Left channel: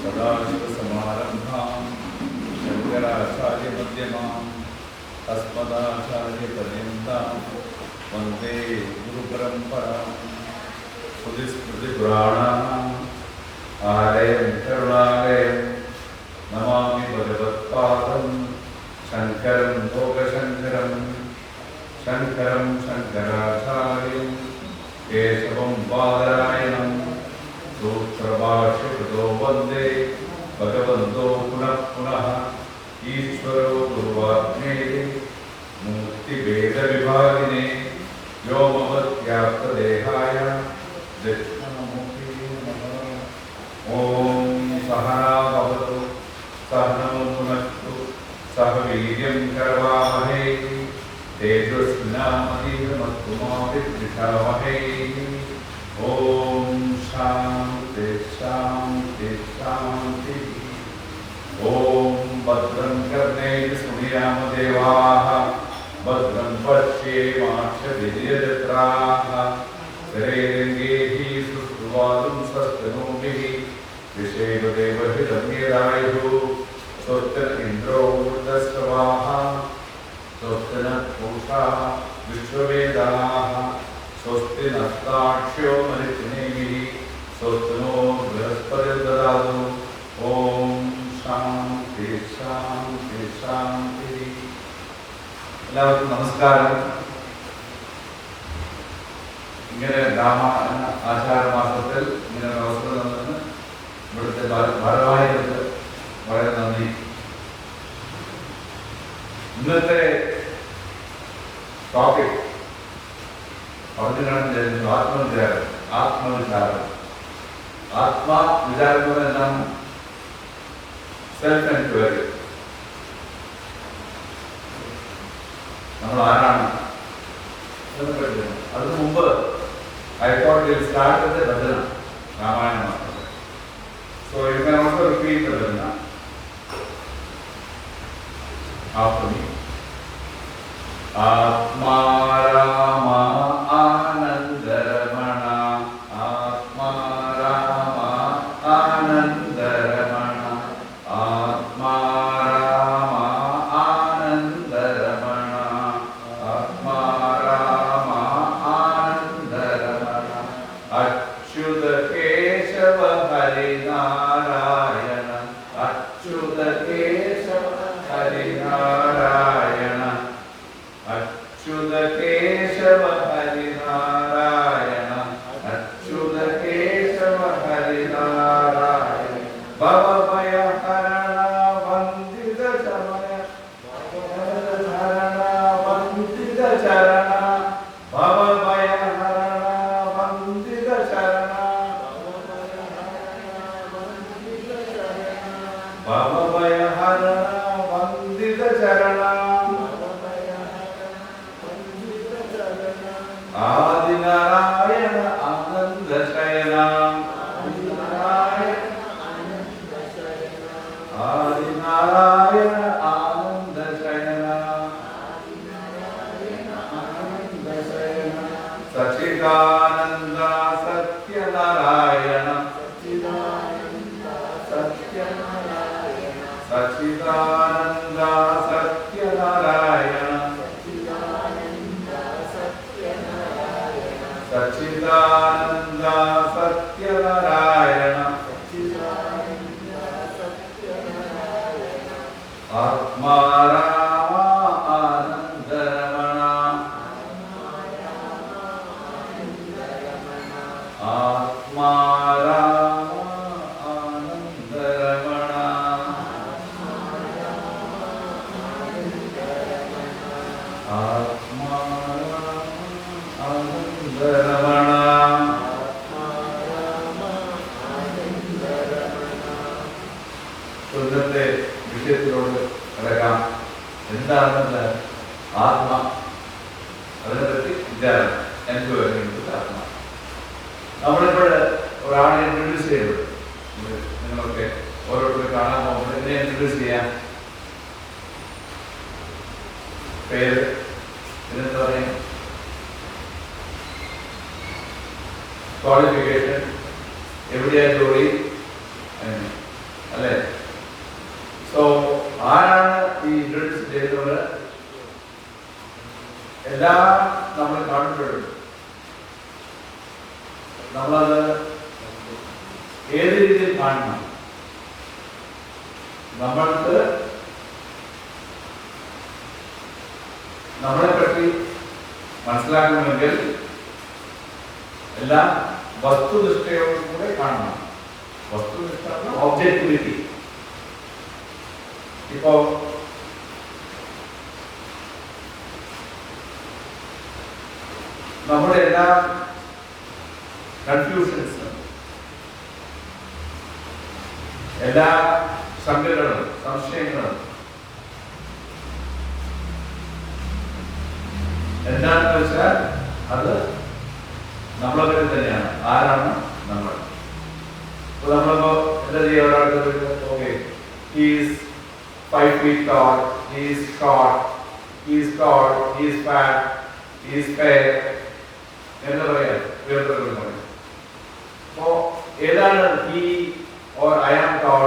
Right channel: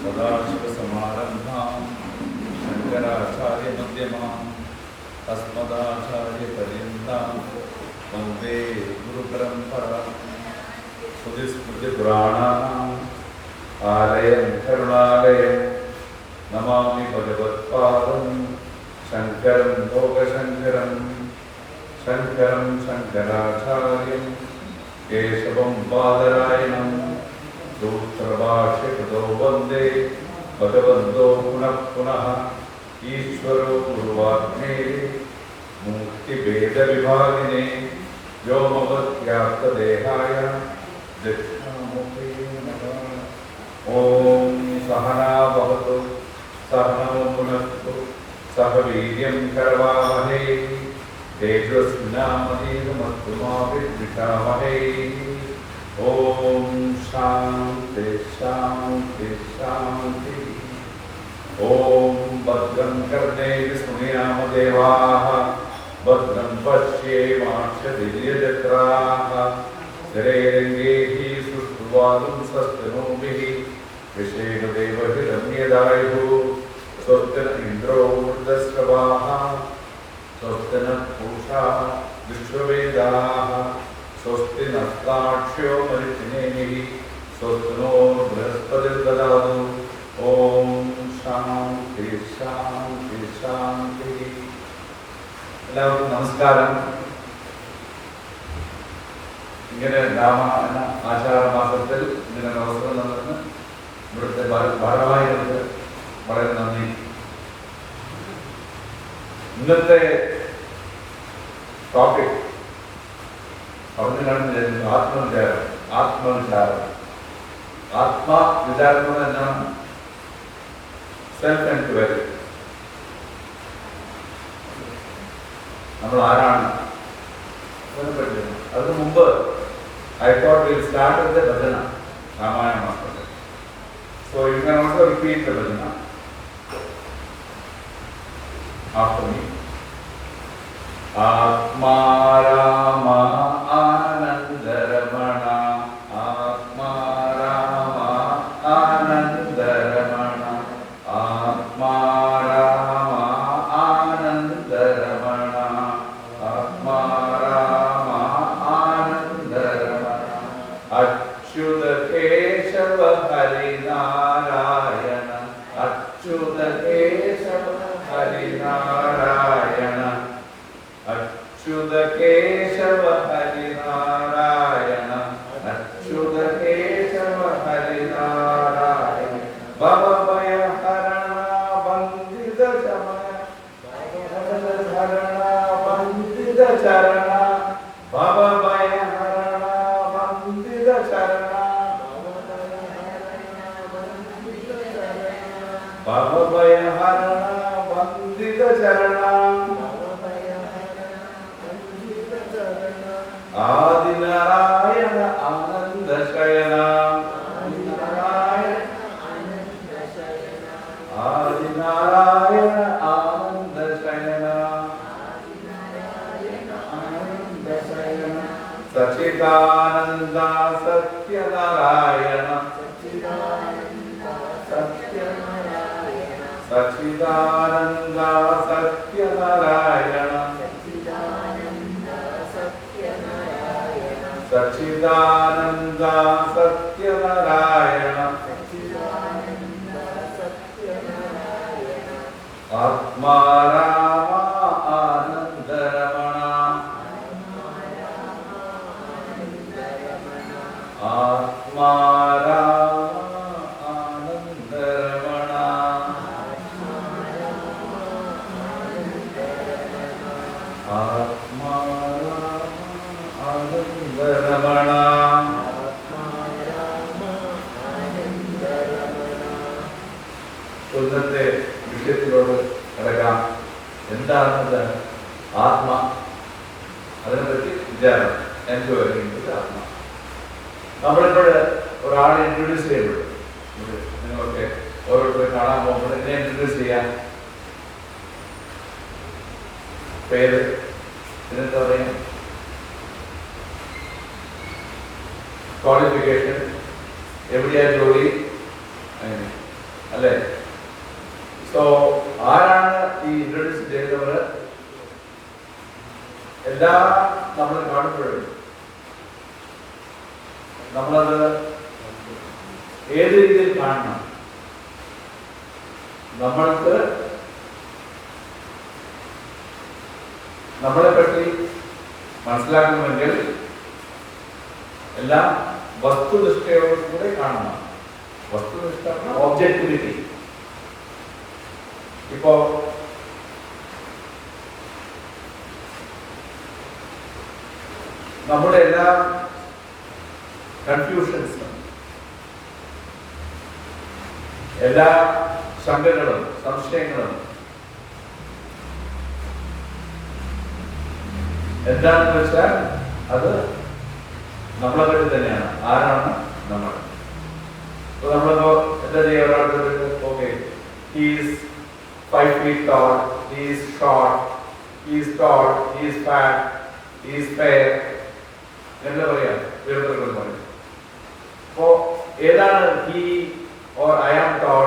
सदाशिवसमारम्भां शङ्कराचार्यमध्यमां अस्मदाचार्यपर्यन्तां वन्दे गुरुपरम्परां। श्रुतिस्मृतिपुराणानाम् आलयं करुणालयं नमामि भगवत्पादं शङ्करं लोकशङ्करं शङ्करं शङ्कराचार्यं केशवं बादरायणं सूत्रभाष्यकृतो वन्दे भगवन्तो पुनः पुनः ईश्वरो गुरुवाग्नेये मुक्तिभेदविभागिने व्योमवद्व्याप्तदेहाय दक्षिणामूर्ते नमः। ॐ सहना भवतु सहनौ भुनक्तु सह वीर्यं करवावहै तेजस्विनामधीरमस्तु मा विद्विषावहै। ॐ शान्ति शान्ति शान्ति। ॐ भद्रं कर्णेभिः शृणुयामदेवाः भद्रं पश्येमाक्षभिर्यजत्राः स्थिरैरङ्गैः सुष्ठुवागुंसस्तनूभिः विषेण देवहिरम्यदायुः स्वस्ति न इन्द्रो वृद्धश्रवाः स्वस्ति नः पूषा विश्ववेदाः स्वस्ति नस्ताक्ष्यो मरिचिनेमिः स्वस्ति नो बृहस्पतिर्ददातु। ॐ शान्ति शान्ति शान्ति। എല്ലാവർക്കും നമസ്കാരം. ഇങ്ങനെ രാമായണ ആചാരമാസത്തിൽ ഇങ്ങനെ അവസരം തന്നിട്ട് ഇവിടുത്തെ ഭാരവാഹികൾക്ക് വളരെ നന്ദി. ഇന്നത്തെ ടോപ്പിക് പറഞ്ഞു കാണുന്നത് ആത്മവിചാരം. ആത്മവിചാരം ആത്മവിചാരം എന്നാണ്? Self enquiry. നമ്മൾ ആരാണ് അതിനു മുമ്പ് I thought we'll start with the bhajana, Ramayana Master. So you can also repeat the bhajana after me. Atma Rama Anandaramana, Atma Rama Anandaramana, Atma Rama Anandaramana, Atma Rama Anandaramana, Achyuta Keshava Hari Narayana, Achyuta Keshava Hari Narayana, Achyuta Keshava Hari Narayana, Achyuta Keshava Hari Narayana, Bhava Bhaya Harana Vandita Chamaya, Harana Vandita Charana, Bhava Bhaya Harana Vandita Charana, Bhava Bhaya Harana Vandita Charana, Adi Narayana Ananda Shayana, Adi Narayana Ananda Shayana, Sachidananda Satya Narayana, Sachidananda Satya Narayana, Sachidananda Satya Narayana, Atma Rama Anandaramana, Atma Rama Anandaramana, Atma Rama Anandaramana. ഇന്നത്തെ വിഷയത്തിലോട് കിടക്കാം. എന്താണെന്നത് ആത്മ, അതിനെപ്പറ്റി വിചാരം. Enquiry ആത്മ. നമ്മളിവിടെ ഒരാളെ introduce ചെയ്യപ്പെടും. നിങ്ങളൊക്കെ ഓരോരുത്തരെ കാണാൻ പോകുമ്പോൾ എന്നെ ഇൻട്രൊഡ്യൂസ് ചെയ്യാം. പേര്, പിന്നെന്താ പറയാ, ക്വാളിഫിക്കേഷൻ, എവിടെയാണ് ജോലി, അല്ലേ? സോ ആരാണ് ഈ ഇൻട്രൊഡ്യൂസ് ചെയ്തവർ? എല്ലാം നമ്മൾ കാണുമ്പോഴും നമ്മളത് ഏത് രീതിയിൽ കാണണം? നമ്മൾക്ക് നമ്മളെ പറ്റി മനസ്സിലാക്കണമെങ്കിൽ എല്ലാം വസ്തുനിഷ്ഠയോടും കൂടെ കാണണം. വസ്തുനിഷ്ഠ, ഒബ്ജക്ടിവിറ്റി. ഇപ്പോ നമ്മുടെ എല്ലാ കൺഫ്യൂഷൻസ്, എല്ലാ ശങ്കകളും സംശയങ്ങളും എന്താണെന്ന് വെച്ചാൽ അത് നമ്മളെ പറ്റി തന്നെയാണ്. ആരാണ് നമ്മൾ? നമ്മളിപ്പോ എന്താ ചെയ്യുക? ഒരാൾക്ക് okay, he's 5 feet tall, he is short, he is tall, he is fat, he is fair. എന്താ പറയാ? വേർതിരിവ് പറയും. അപ്പോ ഏതാണ് he or I am tall?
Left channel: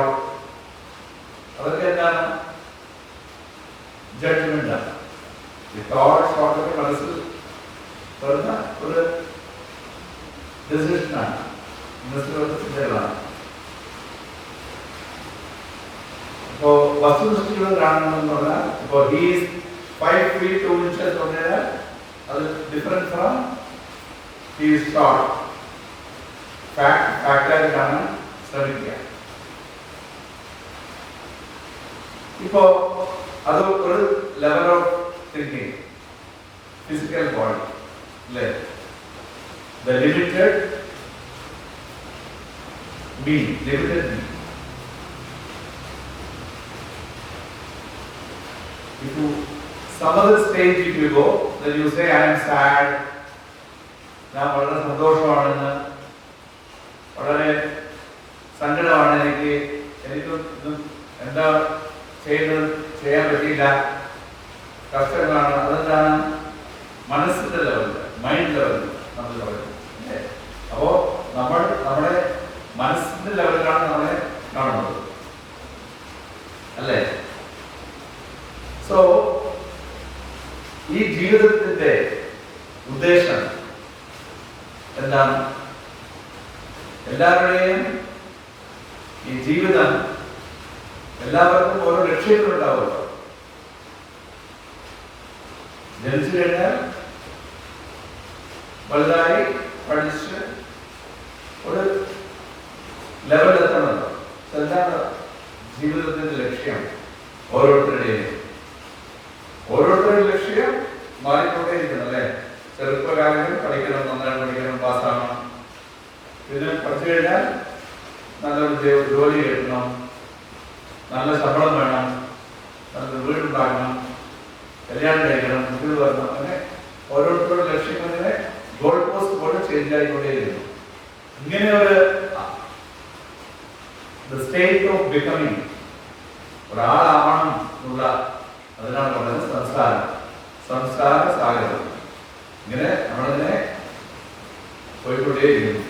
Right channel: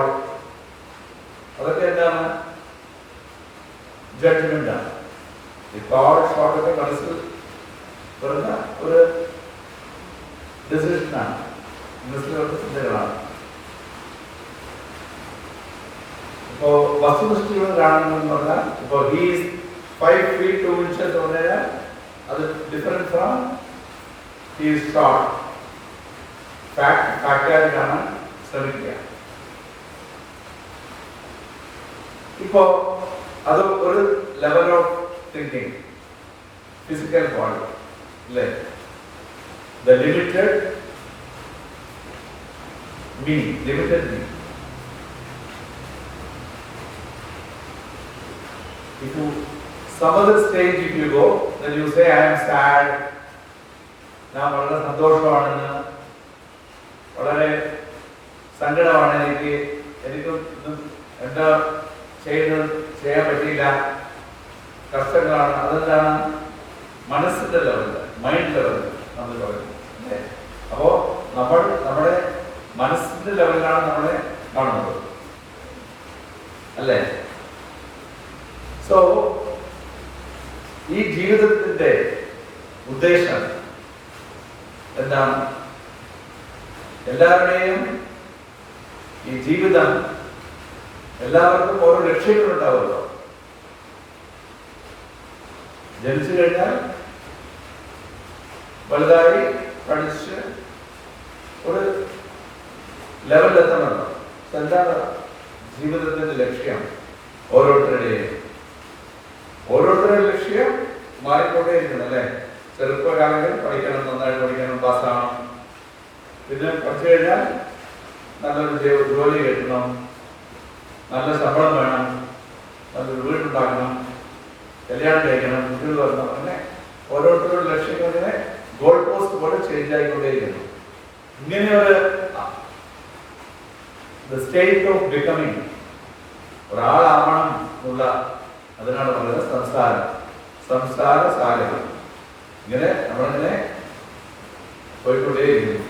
അതൊക്കെ എന്താണ്? ജഡ്ജ്മെന്റ് ആണ്. ഈ tall short ഒക്കെ മനസ്സിൽ വരുന്ന ഒരു ഡിസിഷനാണ്, മനസ്സിലുള്ള ചിന്തകളാണ്. So, വസ്തുനിഷ്ഠികൾ കാണണമെന്ന് പറഞ്ഞാൽ ഇപ്പോൾ ഹീസ് 5 feet 2 inches പറഞ്ഞാൽ അത് ഡിഫറെന്റ് ഫ്രം ഹീസ് ഷോർട്ട്. ഫാക്റ്റായി കാണാൻ ശ്രമിക്കുക. ഇപ്പോ അത് ഒരു level of thinking, physical body അല്ലേ? The limited me. If you some other stage if you go, then you say I am sad. ഞാൻ വളരെ സന്തോഷമാണെന്ന്, വളരെ സങ്കടമാണ്, എനിക്ക് എന്താ ചെയ്യാൻ പറ്റിയില്ല, കഷ്ടങ്ങളാണ്. അതെന്താണ്? മനസ്സിന്റെ ലെവലിൽ, മൈൻഡ് ലെവലിൽ നമ്മൾ പറയുന്നത്. അപ്പോ നമ്മൾ നമ്മുടെ മനസ്സിന്റെ ലെവലിലാണ് നമ്മളെ കാണുന്നത്, അല്ലേ? സോ ഈ ജീവിതത്തിന്റെ ഉദ്ദേശം എന്താണ്? എല്ലാവരുടെയും ഈ ജീവിതം, എല്ലാവർക്കും ഓരോ ലക്ഷ്യങ്ങളുണ്ടാവുമല്ലോ. ജനിച്ചു കഴിഞ്ഞാൽ വലുതായി പഠിച്ച് ഒരു ലെവലിലെത്തണമല്ലോ. എന്താണ് ജീവിതത്തിന്റെ ലക്ഷ്യം? ഓരോരുത്തരുടെയും ലക്ഷ്യം മാറിക്കൊണ്ടേയിരിക്കണം, അല്ലേ? ചെറുപ്പകാലങ്ങളിൽ പഠിക്കണം, നന്നായി പഠിക്കണം, പാസ്സാവണം. ഇതിന് പഠിച്ചു കഴിഞ്ഞാൽ നല്ലൊരു ജോലി കിട്ടണം, നല്ല ശമ്പളം വേണം, നല്ലൊരു വീടുണ്ടാക്കണം, കല്യാണം കഴിക്കണം, കുട്ടികൾ വരണം. അങ്ങനെ ഓരോരുത്തരുടെ ലക്ഷ്യം ഇങ്ങനെ ഗോൾ പോസ്റ്റ് പോലെ ചേഞ്ച് ആയിക്കൊണ്ടേയിരിക്കുന്നു. ഇങ്ങനെ ഒരു സ്റ്റേറ്റ് ഓഫ് ബിക്കമിങ് ഒരാളാവണം എന്നുള്ള, അതിനാണ് പറയുന്നത് സംസ്കാര സാഗരം. ഇങ്ങനെ നമ്മളിങ്ങനെ പോയിക്കൊണ്ടേയിരിക്കുന്നു.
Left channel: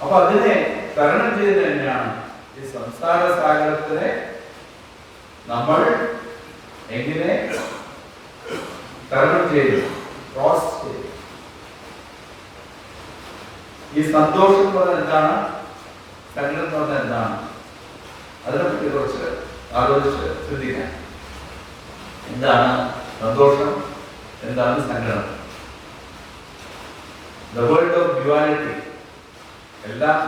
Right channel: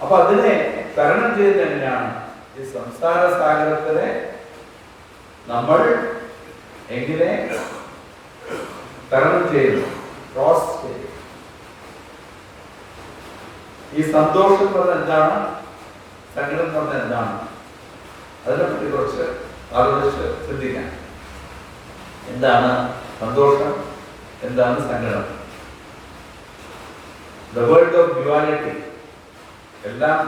അപ്പൊ അതിനെ തരണം ചെയ്ത് തന്നെയാണ് ഈ സംസ്കാര സാഗരത്തിനെ നമ്മൾ എങ്ങനെ തരണം ചെയ്തു, ക്രോസ് ചെയ്തു. ഈ സന്തോഷം എന്ന് പറഞ്ഞാൽ എന്താണ്? സങ്കടം എന്ന് പറഞ്ഞാൽ എന്താണ്? അതിനെപ്പറ്റി കുറച്ച് ആലോചിച്ച് ചിന്തിക്കാൻ. എന്താണ് സന്തോഷം? എന്താണ് സങ്കടം? ദ വേൾഡ് ഓഫ് ഡ്യുവാലിറ്റി, എല്ലാം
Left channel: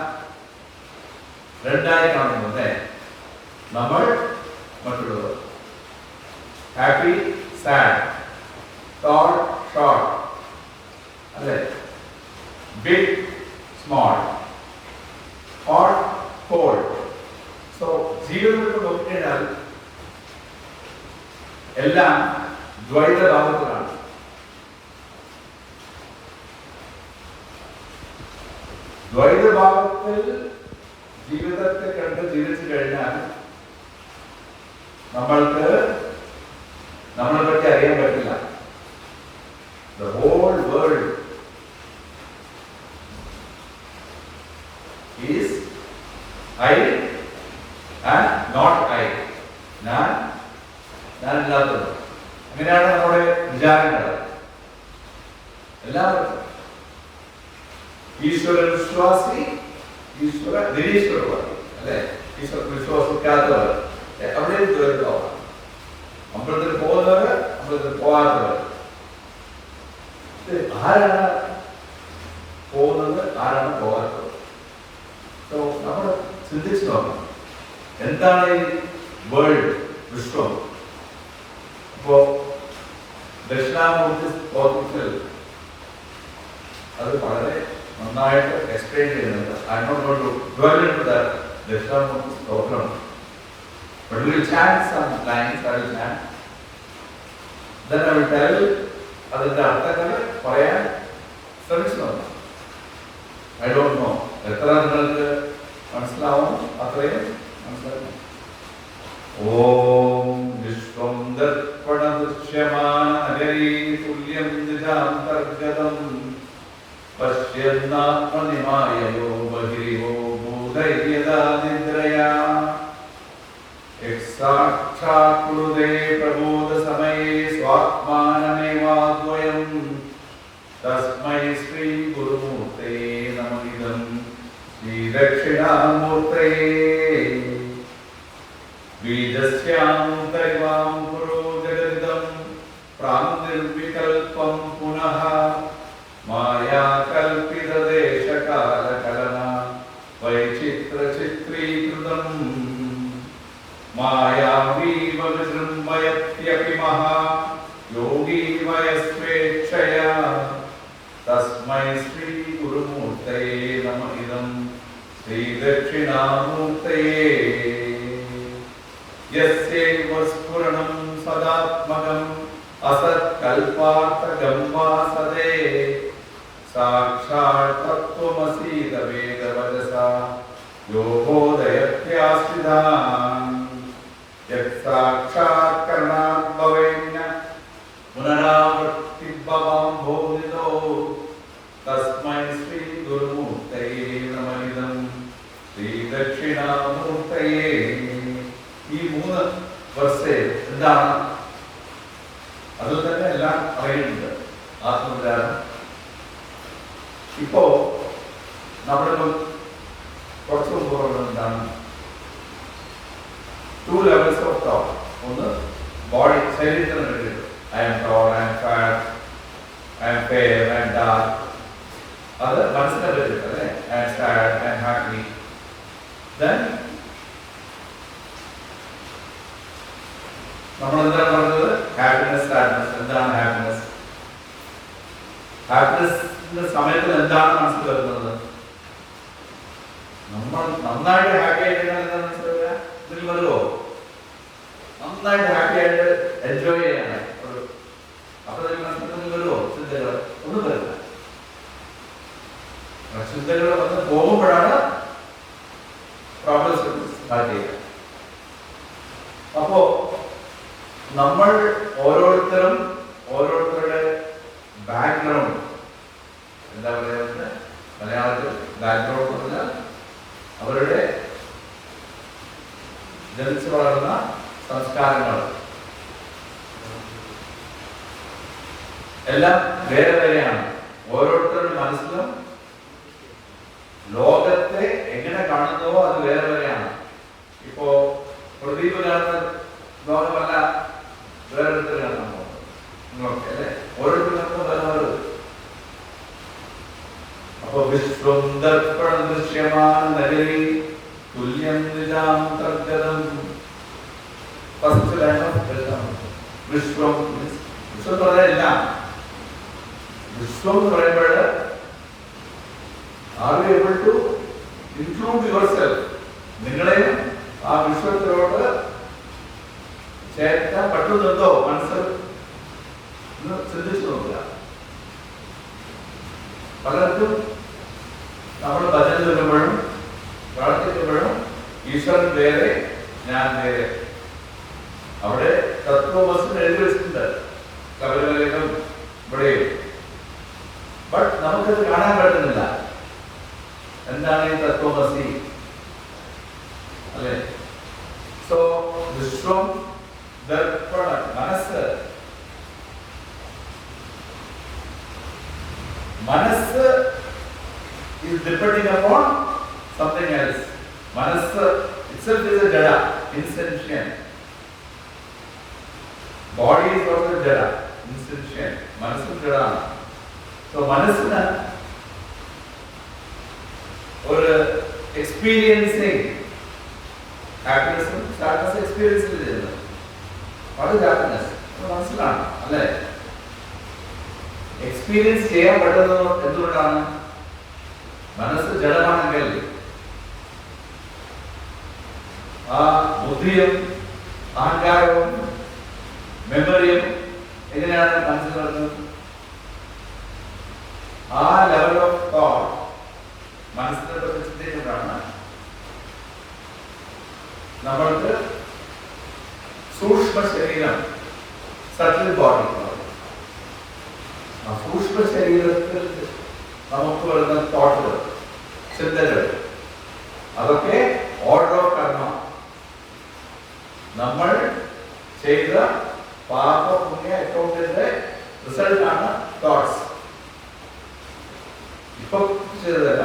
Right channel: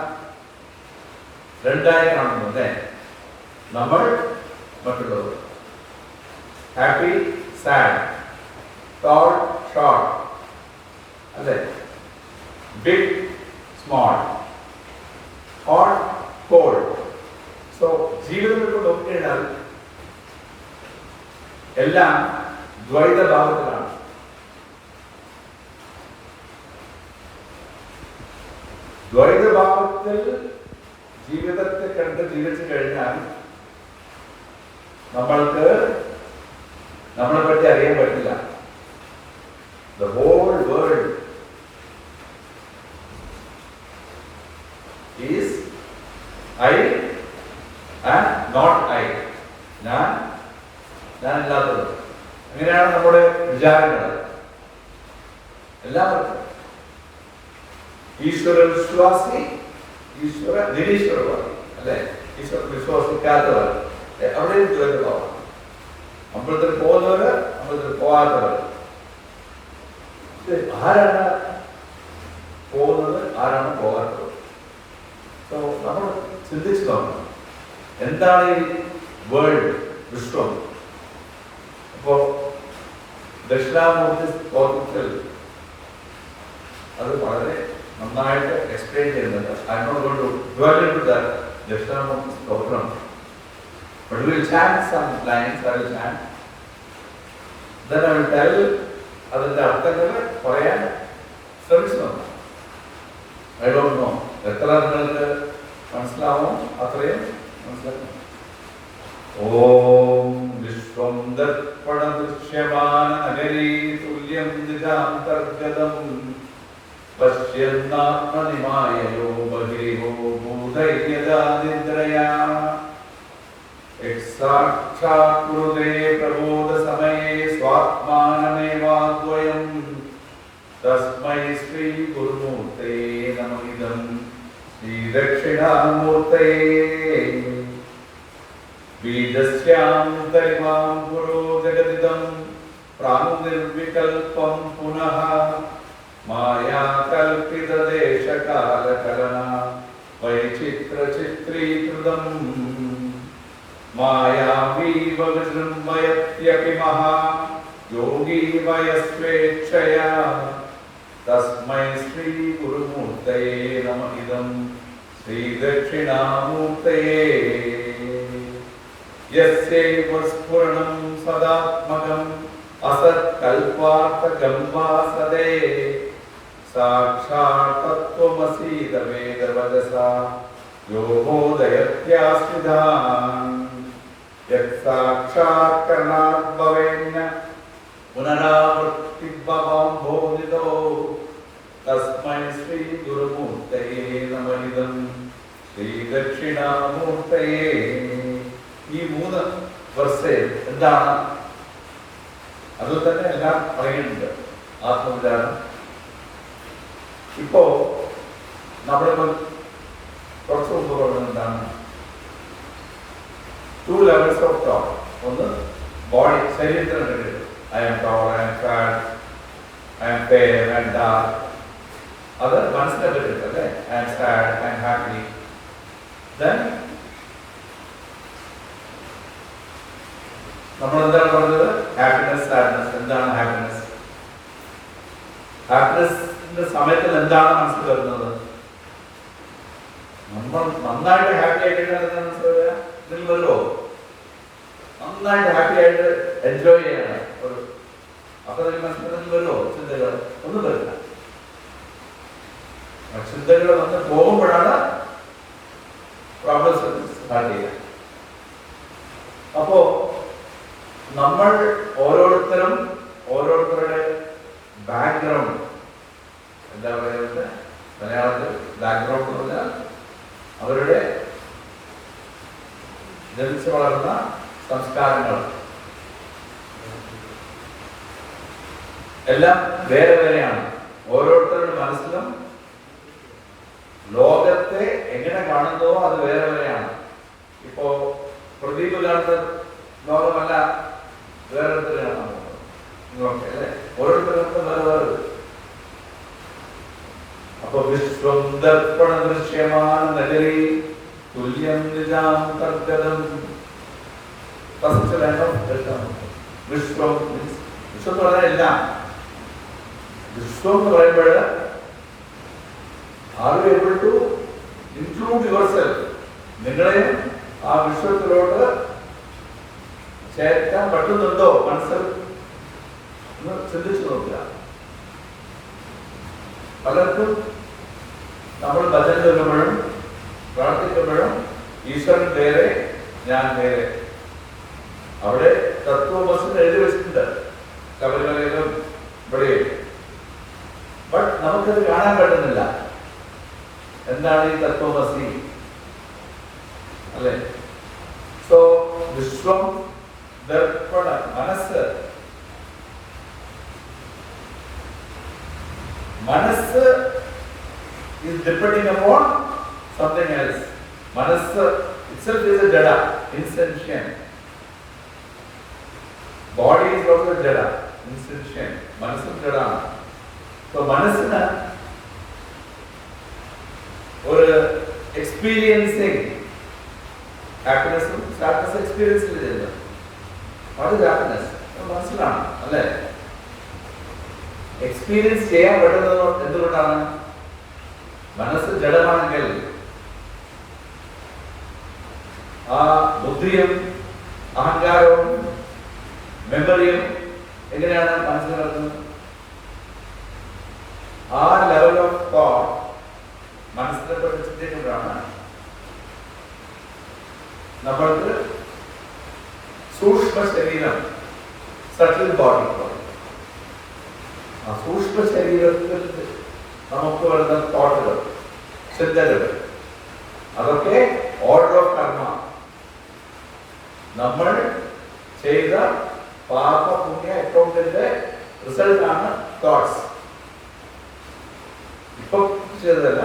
രണ്ടായി കാണുന്നു, അല്ലേ? നമ്മൾ, മറ്റുള്ളവർ. ഹാപ്പി, സാഡ്, ടോൾ, ഷോർട്ട്, അല്ലേ? Big, small, hot, cold. So ജീവിതത്തിൽ നോക്കിക്കഴിഞ്ഞാൽ എല്ലാം ദ്വൈതഭാവത്തിലാണ്. ദ്വൈതഭാവത്തിൽ ജീവിതത്തെ കണ്ട് ജീവിച്ചു കഴിഞ്ഞാൽ നമ്മൾക്ക് നമ്മളെ പറ്റി അറിയാൻ പറ്റില്ല. The whole world I and not I. ഞാനില്ലാത്തത്. അങ്ങനെയാണ് നമ്മുടെ വിചാരങ്ങൾ. എല്ലാവർക്കും ഈശ്വര വിശ്വാസി, ഈശ്വര നിരീശ്വരവാദി അല്ലെ, ഈശ്വര വിശ്വസിക്കാത്തവർ അവിടെയും ദുരന്തമാണ്. അമ്പലത്തിൽ പോകുന്നവര്, അമ്പലത്തിൽ പോകാത്തവർ. ആരാണ് പോകുന്നത്, ആരാണ് പോകാത്തത്? നമ്മൾ ചിന്തിച്ചു നോക്കണം, എന്താണ് ഈ വേൾഡ്, വിശ്വം? അപ്പോ ദക്ഷിണാമൂർത്തി സ്തോത്രത്തിൽ അത് വളരെ നന്നായിട്ട് എക്സ്പ്ലെയിൻ ചെയ്യുന്നുണ്ട്. I'm not going to dwell into that Dakshinamurthy സ്തോത്രം. But we will chant some lines. I will chant. Then I will tell അതിന്റെ അർത്ഥങ്ങൾ പറയാൻ ശ്രമിച്ചു നോക്കാം. ഐ ഡോണ്ട് നോ എത്ര നിങ്ങൾക്ക് മനസ്സിലാവും, അത്രയും മനസ്സിലാക്കും. ഓം വിശ്വം ദർപ്പണ ദൃശ്യമാന നഗരീ തുല്യം നിജാന്തർഗതം പശ്യന്നാത്മനിമായയോ ബഹിരിവോ ഭൂതൈര്യദാ നിദ്രയാ സാക്ഷാത്കൃതേ പ്രബോധ സമയേ സ്വാത്മാനമേവാദ്വയം തസ്മൈ ശ്രീ ഗുരുമൂർത്തേ നമഃ ശ്രീ ദക്ഷിണാമൂർത്തയേ ബീജസ്യാന്തരിമാം ഗുരു ജഗദിദം പ്രാങ്നിർവികൽപം പുനഃ മായാ കൽപിതദേശകാലകലന വൈചിത്രചിത്രീകൃതം മായാവീവ വിജൃംഭയത്യപി മഹാ യോഗീ വയസ്വേച്ഛയാ തസ്മൈ ശ്രീ ഗുരുമൂർത്തയേ നമഃ ശ്രീ ദക്ഷിണാമൂർത്തയേ യസ്യൈവ സ്ഫുരണം സദാത്മകം അസത്കൽപാർത്ഥകം വാസദേ സാക്ഷാത് തത്വമസീത വേദവചസാ യോ ബോധയത്യാശ്രിതാൻ യത്സാക്ഷാത്കരണാത് ഭവേന പുനരാവൃത്തിഭവം ഭോജിതോ തസ്മൈ ശ്രീ ഗുരുമൂർത്തയേ നമഃ ശ്രീ ദക്ഷിണാമൂർത്തയേ. ഈ 3 വർഷേ എന്താണ്? അതിൽ തന്നെ എല്ലാം പറയുന്നുണ്ട്. ആത്മവിചാരം. ഇപ്പോ നമ്മളിപ്പം കുറച്ച് മുമ്പ് പറയുന്നത് എന്താണ്? 2 levels of thought. ഒന്ന് ബോഡി, ശരീരത്തിന് I am tall, I am fat, I am fair, I am dark. അത് മനസ്സിനെ പറ്റിയിട്ട് അല്ലേ? I am sad, I am happy. Then നമ്മൾ എന്താണ് പറഞ്ഞത്? Happiness, sadness. എന്താണ് ഹാപ്പിനെസ്? ഹാപ്പിനെസിന്റെ സമയത്ത് എന്താണ് മനസ്സിൽ വരുന്നത്? നമ്മൾ നന്നായിട്ട് ഹാപ്പി ആയിട്ട് മനസ്സിലാവുക. ഇതിൽ വരുമോ? നന്നായിട്ട് ഹാപ്പി ആയിട്ട് എൻജോയ് ചെയ്യണം. അപ്പൊ മനസ്സിൽ വരുമോ ചിന്തകൾ? ഒന്നും വരില്ല. ചിന്തകൾ വന്ന് പോകുമ്പോഴാണ് പ്രോബ്ലംസ് സ്റ്റാർട്ട് ചെയ്യുക. അപ്പോ നമ്മൾ ഓരോരുത്തരും ഓരോരുത്തരുടെ ബാക്ക്ഗ്രൗണ്ട്, എന്താ പറയുന്നത് മലയാളത്തിൽ ബാക്ക്ഗ്രൗണ്ട് എന്ന് പറഞ്ഞാൽ അവരുടെ ജനിച്ചു വളർന്ന സംസ്കാരങ്ങൾ എല്ലാം വേറെ വേറെയാണ്. ഓരോരുത്തരുടെ മനസ്സിലും ലോകത്തെ എങ്ങനെ കാണുന്നുവോ അത് വേറെ വേറെയാണ്. ഇപ്പോ പ്രദീപ് കാണുന്ന ലോകമല്ല വേറെ കാണുന്നത് അല്ലേ? ഓരോരുത്തർക്കും വേറെ. അപ്പൊ വിശ്വം ദർപ്പണ ദൃശ്യമാന നഗരീ തുല്യം നിജാന്തർഗതം. ഫസ്റ്റ് ലൈൻ ഓഫ് വിശ്വം. വിശ്വം എന്ന് പറഞ്ഞാൽ എല്ലാം. വിശ്വം എന്ന് പറയുമ്പോൾ are you able to include yourself? നിങ്ങളെയും ആ വിശ്വത്തിലോട്ട് ചേർക്കാൻ പറ്റുന്നുണ്ടോ? മനസ്സിൽ ഒന്ന് ചിന്തിച്ചു നോക്കുക. പലർക്കും നമ്മൾ ഭജന ചൊല്ലുമ്പോഴും പ്രാർത്ഥിക്കുമ്പോഴും ഈശ്വരൻ വേറെ, ഞാൻ വേറെ. അവിടെ തത്വമസിന് എഴുതി വെച്ചിട്ടുണ്ട് ശബരിമലയിലും ഇവിടെയും. ബട്ട് നമുക്കത് കാണാൻ പറ്റുന്നില്ല. എന്താണ് ഈ തത്വമസി? അല്ലേ? സോ വിശ്വം ദർപ്പണ മനസ്സ് is depending upon something else. Manasa itself is a jada, insentient. Body is also jada, insentient. Manasa jada. So manasana or experiencing happiness, sadness experience is what is happiness? Manasana, alle. Experience ചെയ്യാൻ പറ്റുന്നത് എന്തുകൊണ്ടാണ്? മനസ്സ് ജഡമാണെങ്കിൽ ആ ബുദ്ധിയും അഹങ്കാരവും മെമ്മറിയും എങ്ങനെയാണ് മനസ്സിൽ നടക്കുന്നത്? ആ ലെവൽ ഓഫ് തോട്ട് മനസ്സിനെ കുറിച്ച് ചിന്തിക്കുമ്പോഴാണ് നമ്മൾക്ക് സൂക്ഷ്മ ശരീരം, സട്ടിൽ ബോഡി, ആ സൂക്ഷ്മ ശരീരത്തിൽ നമുക്ക് വരുന്ന തോട്ടുകൾ, ചിന്തകൾ, അതൊക്കെ ഓർഡർ ഓഫ് കർമ്മ, നമ്മൾ ചെയ്ത പാപ പുണ്യ അക്കൗണ്ടിന്റെ റിസൾട്ട് ആണ് തോട്ട്സ്. ഇപ്പൊ ചെയ്തതല്ല,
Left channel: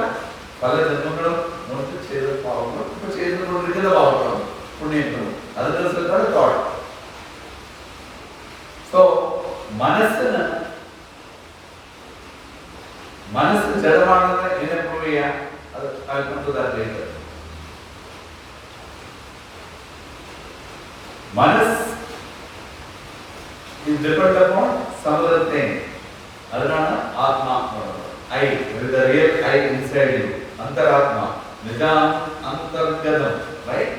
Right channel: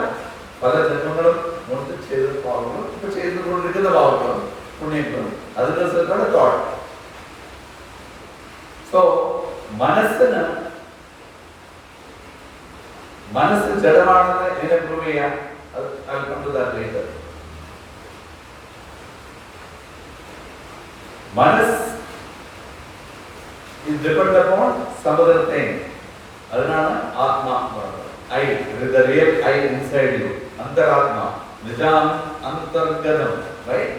പല ജന്മങ്ങളും മുൻപ് ചെയ്ത പാവങ്ങളും ഇപ്പൊ ചെയ്തുകൊണ്ടിരിക്കുന്ന പാവങ്ങളും പുണ്യങ്ങളും, അതിന്റെ റിസൾട്ടാണ് തോട്ട്. സോ മനസ്സ് ജഡമാണെന്ന് എങ്ങനെ പ്രൂവ് ചെയ്യാം? അത് കണ്ടുതാക്കിയിട്ട് മനസ്സ് is dependent upon some other thing. അതിനാണ് ആത്മാ പറയുന്നത്. I, the real I inside you, അന്തരാത്മ, Nizam അന്തർഗതം, right?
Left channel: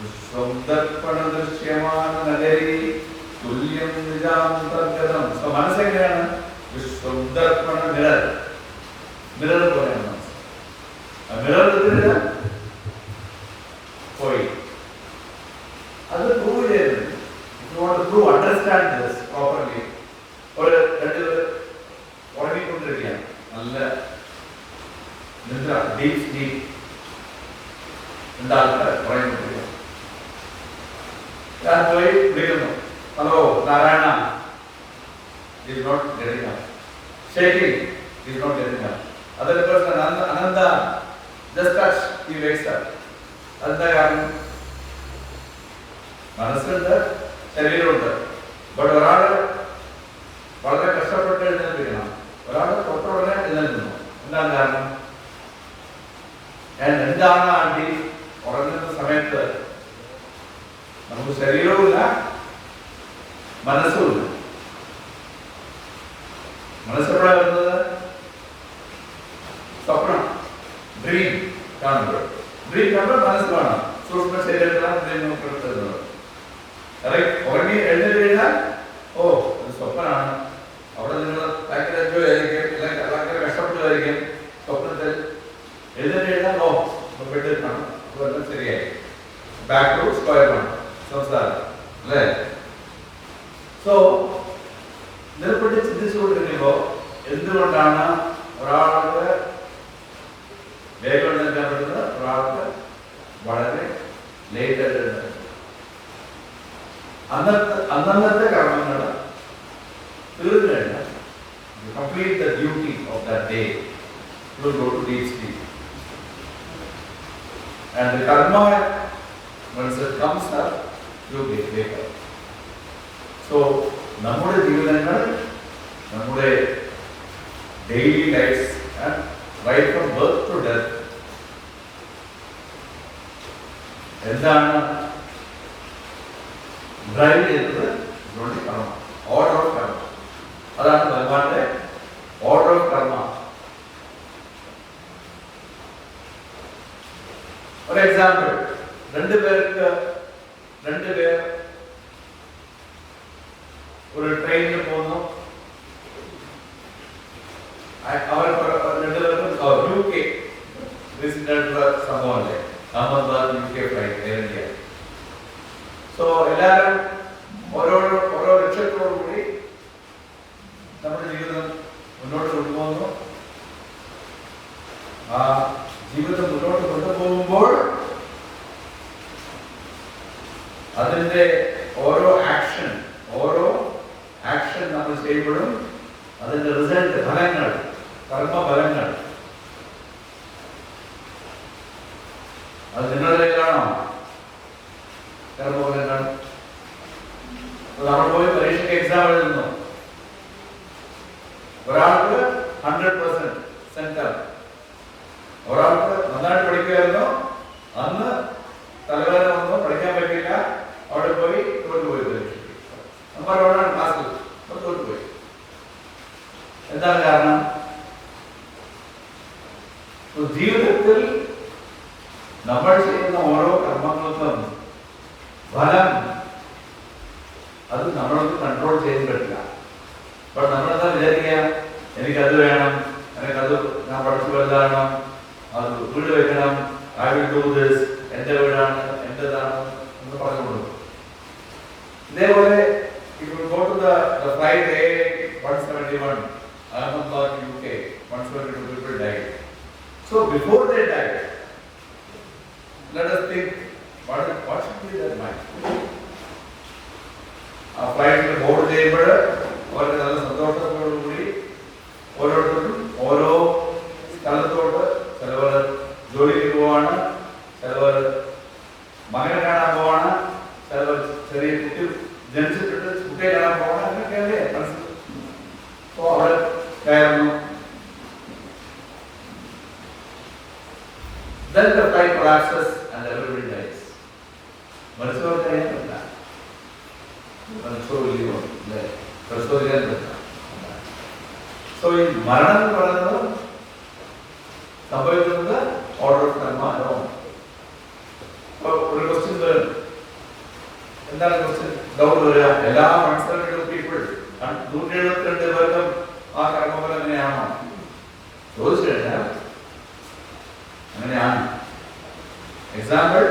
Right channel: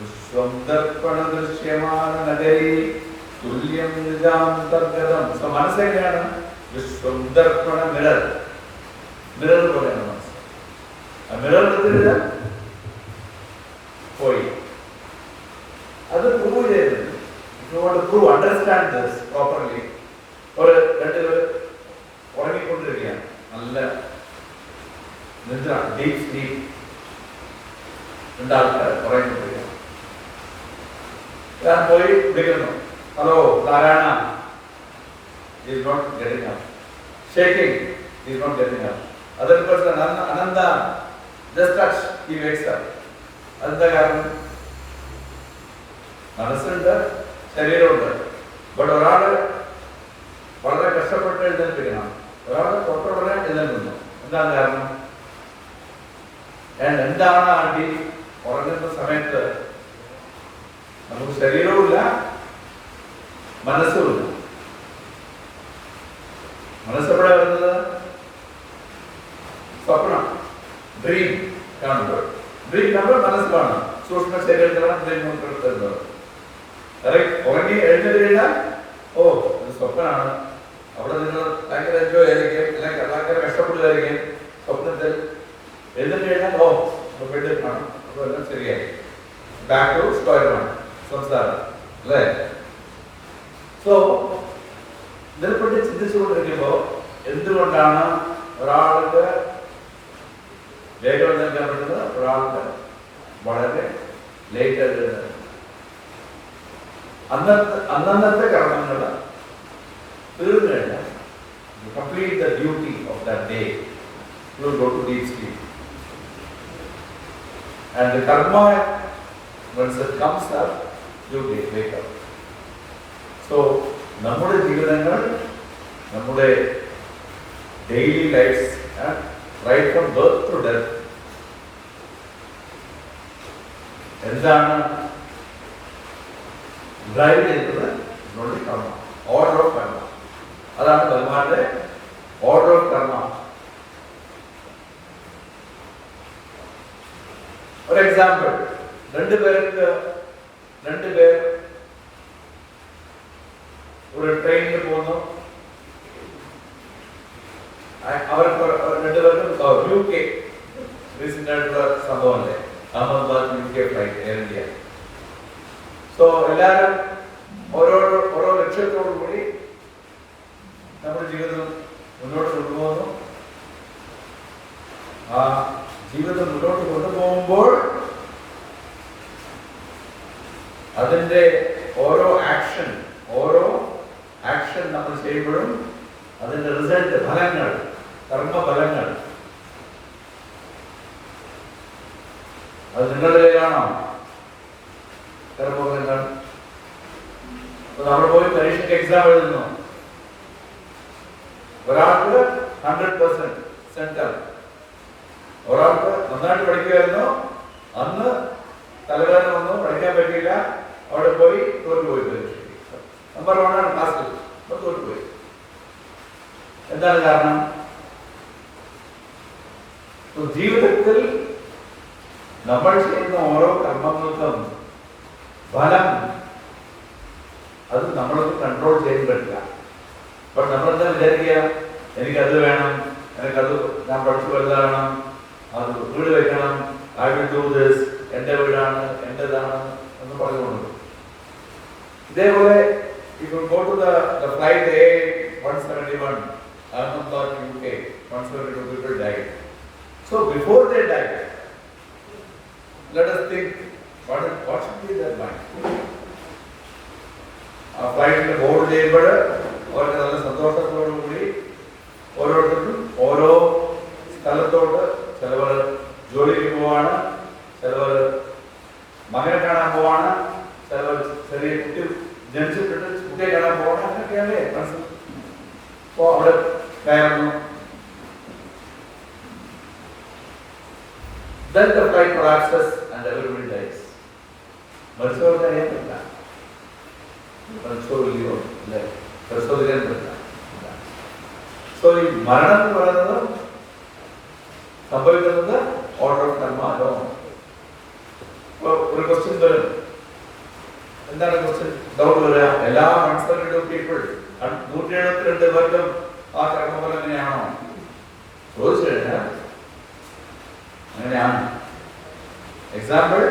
വിശ്വം ദർപ്പണ ദൃശ്യമാന നഗരി തുല്യം നിജാം അന്തർഗതം. സോ മനസ്സ് എങ്ങനെയാണ്? വിശ്വം ദർപ്പണ മിറർ, മിറർ പോലെയാണ് മനസ്സ്. മിറർ പോയി അത് പ്രൂവ് ചെയ്തത്. If you want to prove, understand this properly, ഒരു രണ്ടുപേര് ഉറങ്ങിക്കൊണ്ടിരിക്കുകയാണ്, നല്ല നിദ്ര, ഡീപ് സ്ലീപ്പ്, രണ്ടാൾക്കാർ ഉറങ്ങിക്കൊണ്ടിരിക്കുക. ഞാൻ പോയി വിളിക്കുന്നു, hello Narayana, is not getting up, shaking, is not getting up. Other person, Ananda, just touch, he wakes up. അതെന്താ കാരണം? മനസ്സുണ്ട്, ശരീരമുണ്ട്. ബട്ട് ഒരാൾ വളരെ കഷ്ടപ്പെട്ട് എഴുന്നേൽപ്പിക്കണം, ഒരാൾ തൊട്ടുടനെ എഴുന്നേൽക്കുന്നു. എന്താണ് കാരണം? എന്താണ് ആണ്ടി ഉറങ്ങുന്ന സമയത്ത് നമുക്ക് ശരീരവുമില്ല, മനസ്സുമില്ല. മനസ്സെവിടെ വരുന്നത്? സ്വപ്നം, ഡ്രീം കാണുമ്പോൾ. ഡ്രീം കാണുമ്പോൾ മനസ്സ് കാണാം, സൂക്ഷ്മ ശരീരത്തിലാണ് ഡ്രീം വരുന്നത്. ഉറങ്ങി എഴുന്നേറ്റ് കഴിഞ്ഞാൽ ഓ ഇത് സ്വപ്നമാണ്, അവിടെ നിങ്ങൾ ഭയങ്കര എൻജോയ് ആയിരിക്കും, അല്ലെങ്കിൽ ഭയങ്കര കഷ്ടപ്പെടുകയായിരിക്കും സ്വപ്നത്തിൽ. എഴുന്നേറ്റ് കഴിഞ്ഞാൽ ഓ ബെഡിൽ കാണും, അപ്പോൾ എല്ലാം ശരിയായി, ബാക്ക് ടു സ്ക്വയർ വൺ സംസാരം, അല്ലേ? സോ ഇതിനെപ്പറ്റി ചിന്തിച്ചുകൊണ്ടിരിക്കുമ്പോൾ എന്തുകൊണ്ടാണ് ഒരാൾക്ക് വേഗം എഴുന്നേൽക്കാൻ പറ്റുന്നത്, ഒരാൾക്ക് വളരെ ലേറ്റ് ആയിട്ട്? അന്നത്തെ കർമ്മങ്ങൾ തീർന്നു കഴിഞ്ഞാൽ complete the duty of that day, you will go to deep sleep. And the karma, once it comes up, you wake up. So നമ്മുടെ ജീവിതങ്ങൾ, നമ്മുടെ daily life, right from birth to death, എന്താണ് drive ചെയ്തത്? കർമ്മ, order of കർമ്മ. അതാണ് ഭഗവാന്റെ order of കർമ്മ. ഒരു എക്സാമ്പിൾ, രണ്ടുപേർ ഒരു ട്രെയിനിൽ പോകുന്നു. അവർക്ക് രണ്ടുപേർക്കും UK റീസെന്റ് ആയിട്ടുള്ള സംഭവമല്ലേ, Ahmedabad UK flight, air India. So എല്ലാവരും ഓരോ ലക്ഷ്യത്തോടു കൂടി നമ്മുടെ ജീവിതം മുന്നോട്ട് കൊണ്ടുപോകുന്നു. ആ ജീവിതം മുന്നോട്ട് കൊണ്ടുപോകുമ്പോൾ അതിന്റെ ഓരോ ആക്ഷൻ നമ്മൾ ചെയ്യുമ്പോഴും അതിന്റെ റിസൾട്ട്, ഫലങ്ങൾ, കർമ്മഫലങ്ങൾ അത് നിങ്ങളുടെ കയ്യിലാണോ? കർമ്മഫലങ്ങൾ നമ്മൾ പോയി പരീക്ഷയ്ക്ക് എക്സാം എഴുതുന്നു, ഒരാൾക്ക് 100% സെന്റർ, ഒരാൾക്ക് നന്നായിട്ട് പഠിക്കുമായിരുന്നു, അന്ന് തലവേദന വന്നു, പഠിക്കാൻ പറ്റിയില്ല, അവിടെ പോയി തോറ്റുപോയി. നമ്പർ 1 ആണ് ക്ലാസ്സിൽ, തോറ്റുപോയി. എന്താണ് കാരണം? ജീവിതത്തിൽ നമ്മൾ ചെയ്യുന്ന ഓരോ കർമ്മങ്ങൾക്കും ഫലം അത് നമ്മളത് കൺട്രോൾ ചെയ്ത് പറ്റില്ല. അപ്പോൾ നമ്മളെന്താ വിചാരിക്കുക, എനിക്കത് വേണം, എനിക്കത് ഞാൻ പഠിച്ചു വലുതാണ്, അത് വീട് വെക്കണം, ഐ വിൽ ഡു ദിസ്, എന്റെ വീടാണ്, എന്റേതാണ് എന്ന് പറഞ്ഞുകൊണ്ട്. ഇതേപോലെ ഇപ്പോൾ go to the flight A171 Ahmedabad UK, 172 people died. So before they died, let us think what should be their mind. ആ ഫ്ലൈറ്റിൽ ബോർഡ് ചെയ്യുമ്പോൾ അവർക്ക് നല്ല സന്തോഷത്തോടുകൂടി ഓരോരുത്തരും ഓരോ സ്ഥലത്തോട്ട്, ചിലവർ ജോലിക്ക് പോവാണ്, ചിലവർ മകനെ കാണാൻ പോവാണ്, ചിലവർ ചെറിയ കുട്ടി ജനിച്ചിട്ടുണ്ട് കുട്ടിയെ കാണാൻ പോവാണ്, അങ്ങനെയൊക്കെയല്ലേ മനസ്സിൽ. അപ്പോൾ അവിടെ കയറുന്നു. Then the flight collapses and everybody dies. മരിച്ചവർക്ക് അറിയാൻ പറ്റില്ല, മരിച്ചോല്ലോ അല്ലേ, പരിശോധിക്കാൻ പറ്റില്ല. സോ ഈ മരണം എന്ന് പറയുന്നത് സംഭവിക്കുന്നത് ഓർഡർ ഓഫ് കർമ്മ. ഒരു ക്വസ്റ്റ്യൻ വരും, എന്താണ് ക്വസ്റ്റ്യൻ? ഡൗട്ട് വരിക, എല്ലാ 172 പീപ്പിൾ 172 പേർക്കും ആ കർമ്മഫലം എങ്ങനെയാണോ ചോദിച്ചു കഴിഞ്ഞാൽ അങ്ങനെയാണ്. എക്സാമ്പിൾ,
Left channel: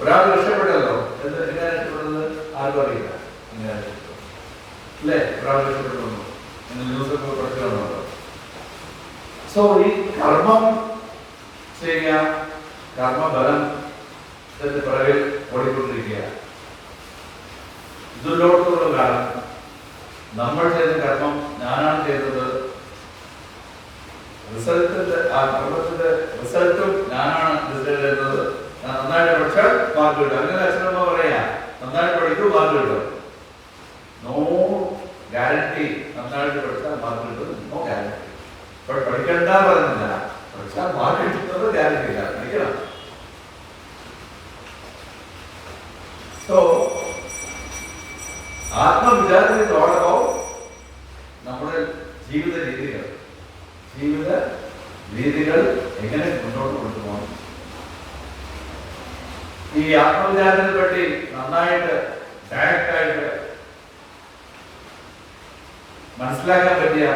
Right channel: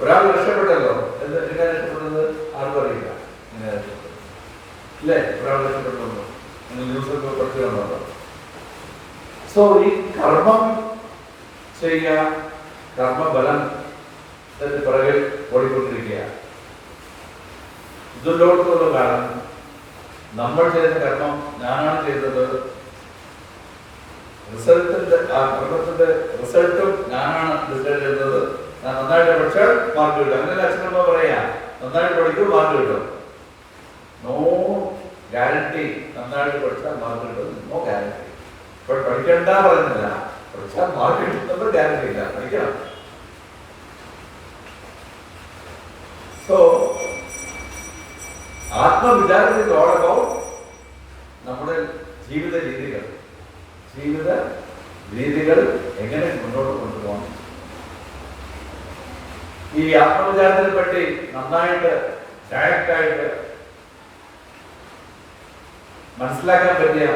ഒരാൾ രക്ഷപ്പെട്ടല്ലോ, എങ്ങനെ രക്ഷപ്പെടുന്നത് ആർക്കും അറിയില്ല, ഇങ്ങനെ ഇല്ലേ, ഒരാൾ രക്ഷപ്പെട്ടുണ്ടോ, നിങ്ങൾ ന്യൂസൊക്കെ പഠിച്ചിട്ടുണ്ടോ? സോ ഈ കർമ്മം ചെയ്യുക, കർമ്മഫലം പിറകിൽ ഓടിക്കൊണ്ടിരിക്കുകയാണ്. ഇതിലോട്ടുള്ള കാരണം നമ്മൾ ചെയ്ത കർമ്മം ഞാനാണ് ചെയ്തത്, റിസൾട്ടിന്റെ ആ കർമ്മത്തിന്റെ റിസൾട്ടും ഞാനാണ് ഡിസൈഡ് ചെയ്യുന്നത്. ഞാൻ നന്നായിട്ട് പഠിച്ചാൽ മാർക്ക് കിട്ടും, അങ്ങനെ അച്ഛനമ്മ പറയാ, നന്നായിട്ട് പഠിക്കും മാർക്ക് കിട്ടും. No guarantee. നന്നായിട്ട് പഠിച്ചാൽ മാർക്ക് കിട്ടും, നോ ഗ്യാരണ്ടി. ഇപ്പോൾ പഠിക്കണ്ട പറയുന്നില്ല, പഠിച്ചാൽ മാർക്ക് കിട്ടുന്നത് ഗ്യാരണ്ടി ഇല്ല, പഠിക്കണം. സോ ആത്മവിചാരത്തിൽ ഓൾ അബൌട്ട് നമ്മുടെ ജീവിത രീതികൾ എങ്ങനെ മുന്നോട്ട് കൊണ്ടുപോകണം. ഈ ആത്മവിചാരത്തിനെ പറ്റി നന്നായിട്ട് ഡയറക്റ്റായിട്ട് മനസ്സിലാക്കാൻ പറ്റിയ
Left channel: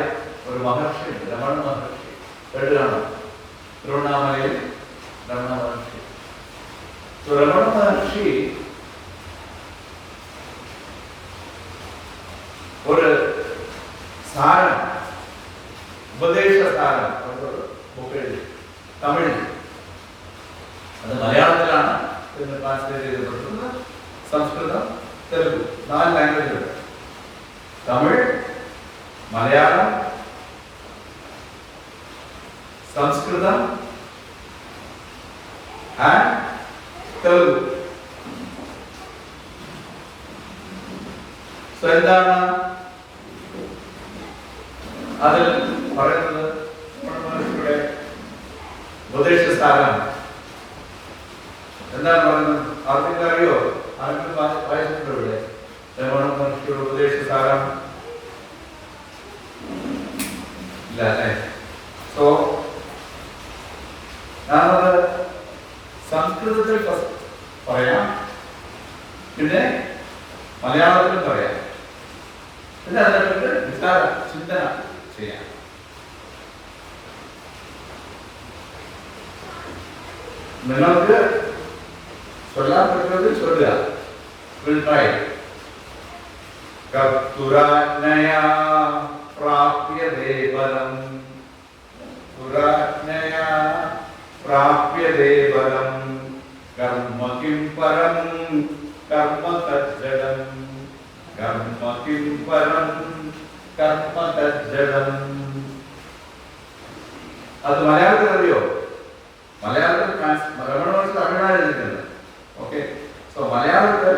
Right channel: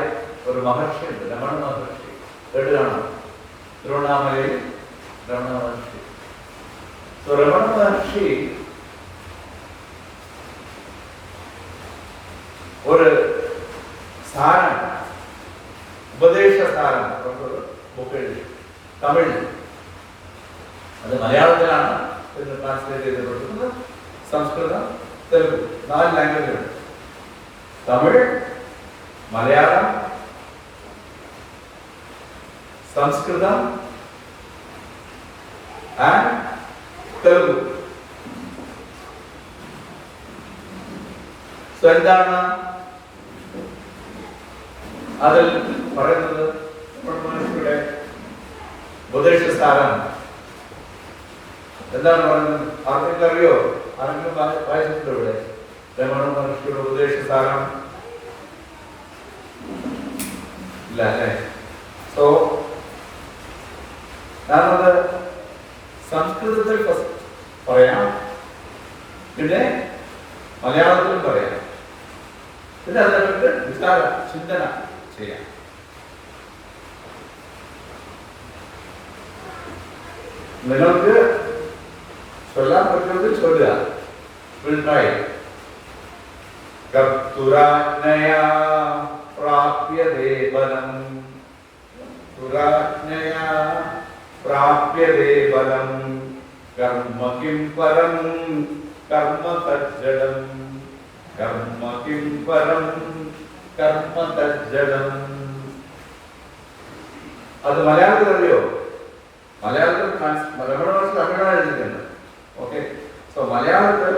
ഒരു മഹർഷി ഉണ്ട്, രമണ മഹർഷി. കേട്ടുകാണോ? തിരുവണ്ണാമലയിൽ രമണ മഹർഷി. രമണ മഹർഷി ഒരു സാരം, ഉപദേശ സാരം ബുക്ക് എഴുതി, തമിഴ്. അത് മലയാളത്തിലാണ് ട്രാൻസ്ലേറ്റ് ചെയ്യപ്പെട്ടിരുന്നത്, സംസ്കൃതം, തെലുഗു, 4 ലാംഗ്വേജുകൾ. തമിഴ്, മലയാളം, സംസ്കൃതം ആൻഡ് തെലുഗു. സോ എന്താണ് അതിൽ പറയുന്നത്? ഉപദേശസാരം എന്താണ് പറയുന്നത്? ആർക്കെങ്കിലും അറിയോ? ആരെങ്കിലും വായിച്ചിട്ടുണ്ടോ ഇവിടെ? രമണ മഹർഷിയുടെ ഉപദേശസാരം ഇല്ല അല്ലേ? സോ ഞാനത് സംസ്കൃതത്തിൽ പറയാം, പിന്നെ മലയാളത്തിലും പറയാം, പിന്നെ അതിനെപ്പറ്റി വിചാര ചിന്തന ചെയ്യാം. നിങ്ങൾക്ക് ചൊല്ലാൻ പറ്റുന്നത് ചൊല്ലുക. കർത്തുരാജ്ഞയാ പ്രാപ്യതേ ബലം, തുരാജ്ഞയാ പ്രാപ്യതേ ബലം, കർമ്മ കിം പരം കർമ്മ തജ്ജഡം കർമ്മ കിം പരം കർമ്മ തജ്ജഡം. അത് മലയാളത്തിൽ അറിയോ? മലയാളത്തിൽ തമിഴാണ് എഴുതിയിട്ടുണ്ട്. ഓക്കെ, സോ മലയാളത്തിൽ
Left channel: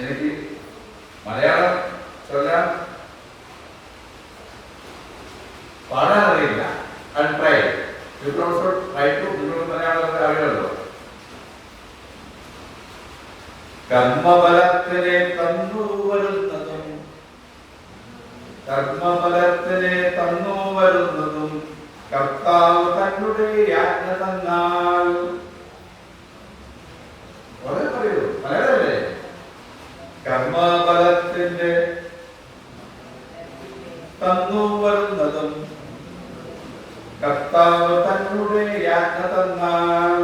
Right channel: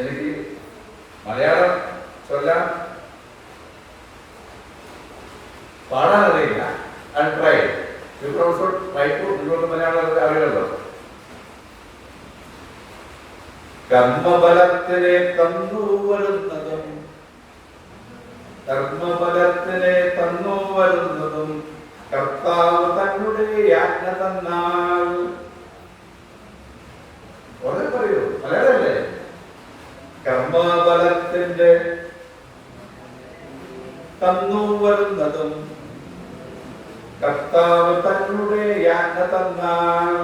എനിക്ക് മലയാളം ചൊല്ലാൻ പാടാൻ അറിയില്ല. ട്രൈ മലയാളം അറിയാമല്ലോ. കർമ്മബലത്തിനെ തന്നു വരുന്നതും കർമ്മബലത്തിനെ തന്നു വരുന്നതും കർത്താവ് തന്നുടെ യാജ്ഞ തന്നാൽ. വളരെ പറയൂ, മലയാളമല്ലേ? കർമ്മബലത്തിന്റെ തന്നു വരുന്നതും കർത്താവ് തന്നുടെ യാജ്ഞ തന്നാൽ.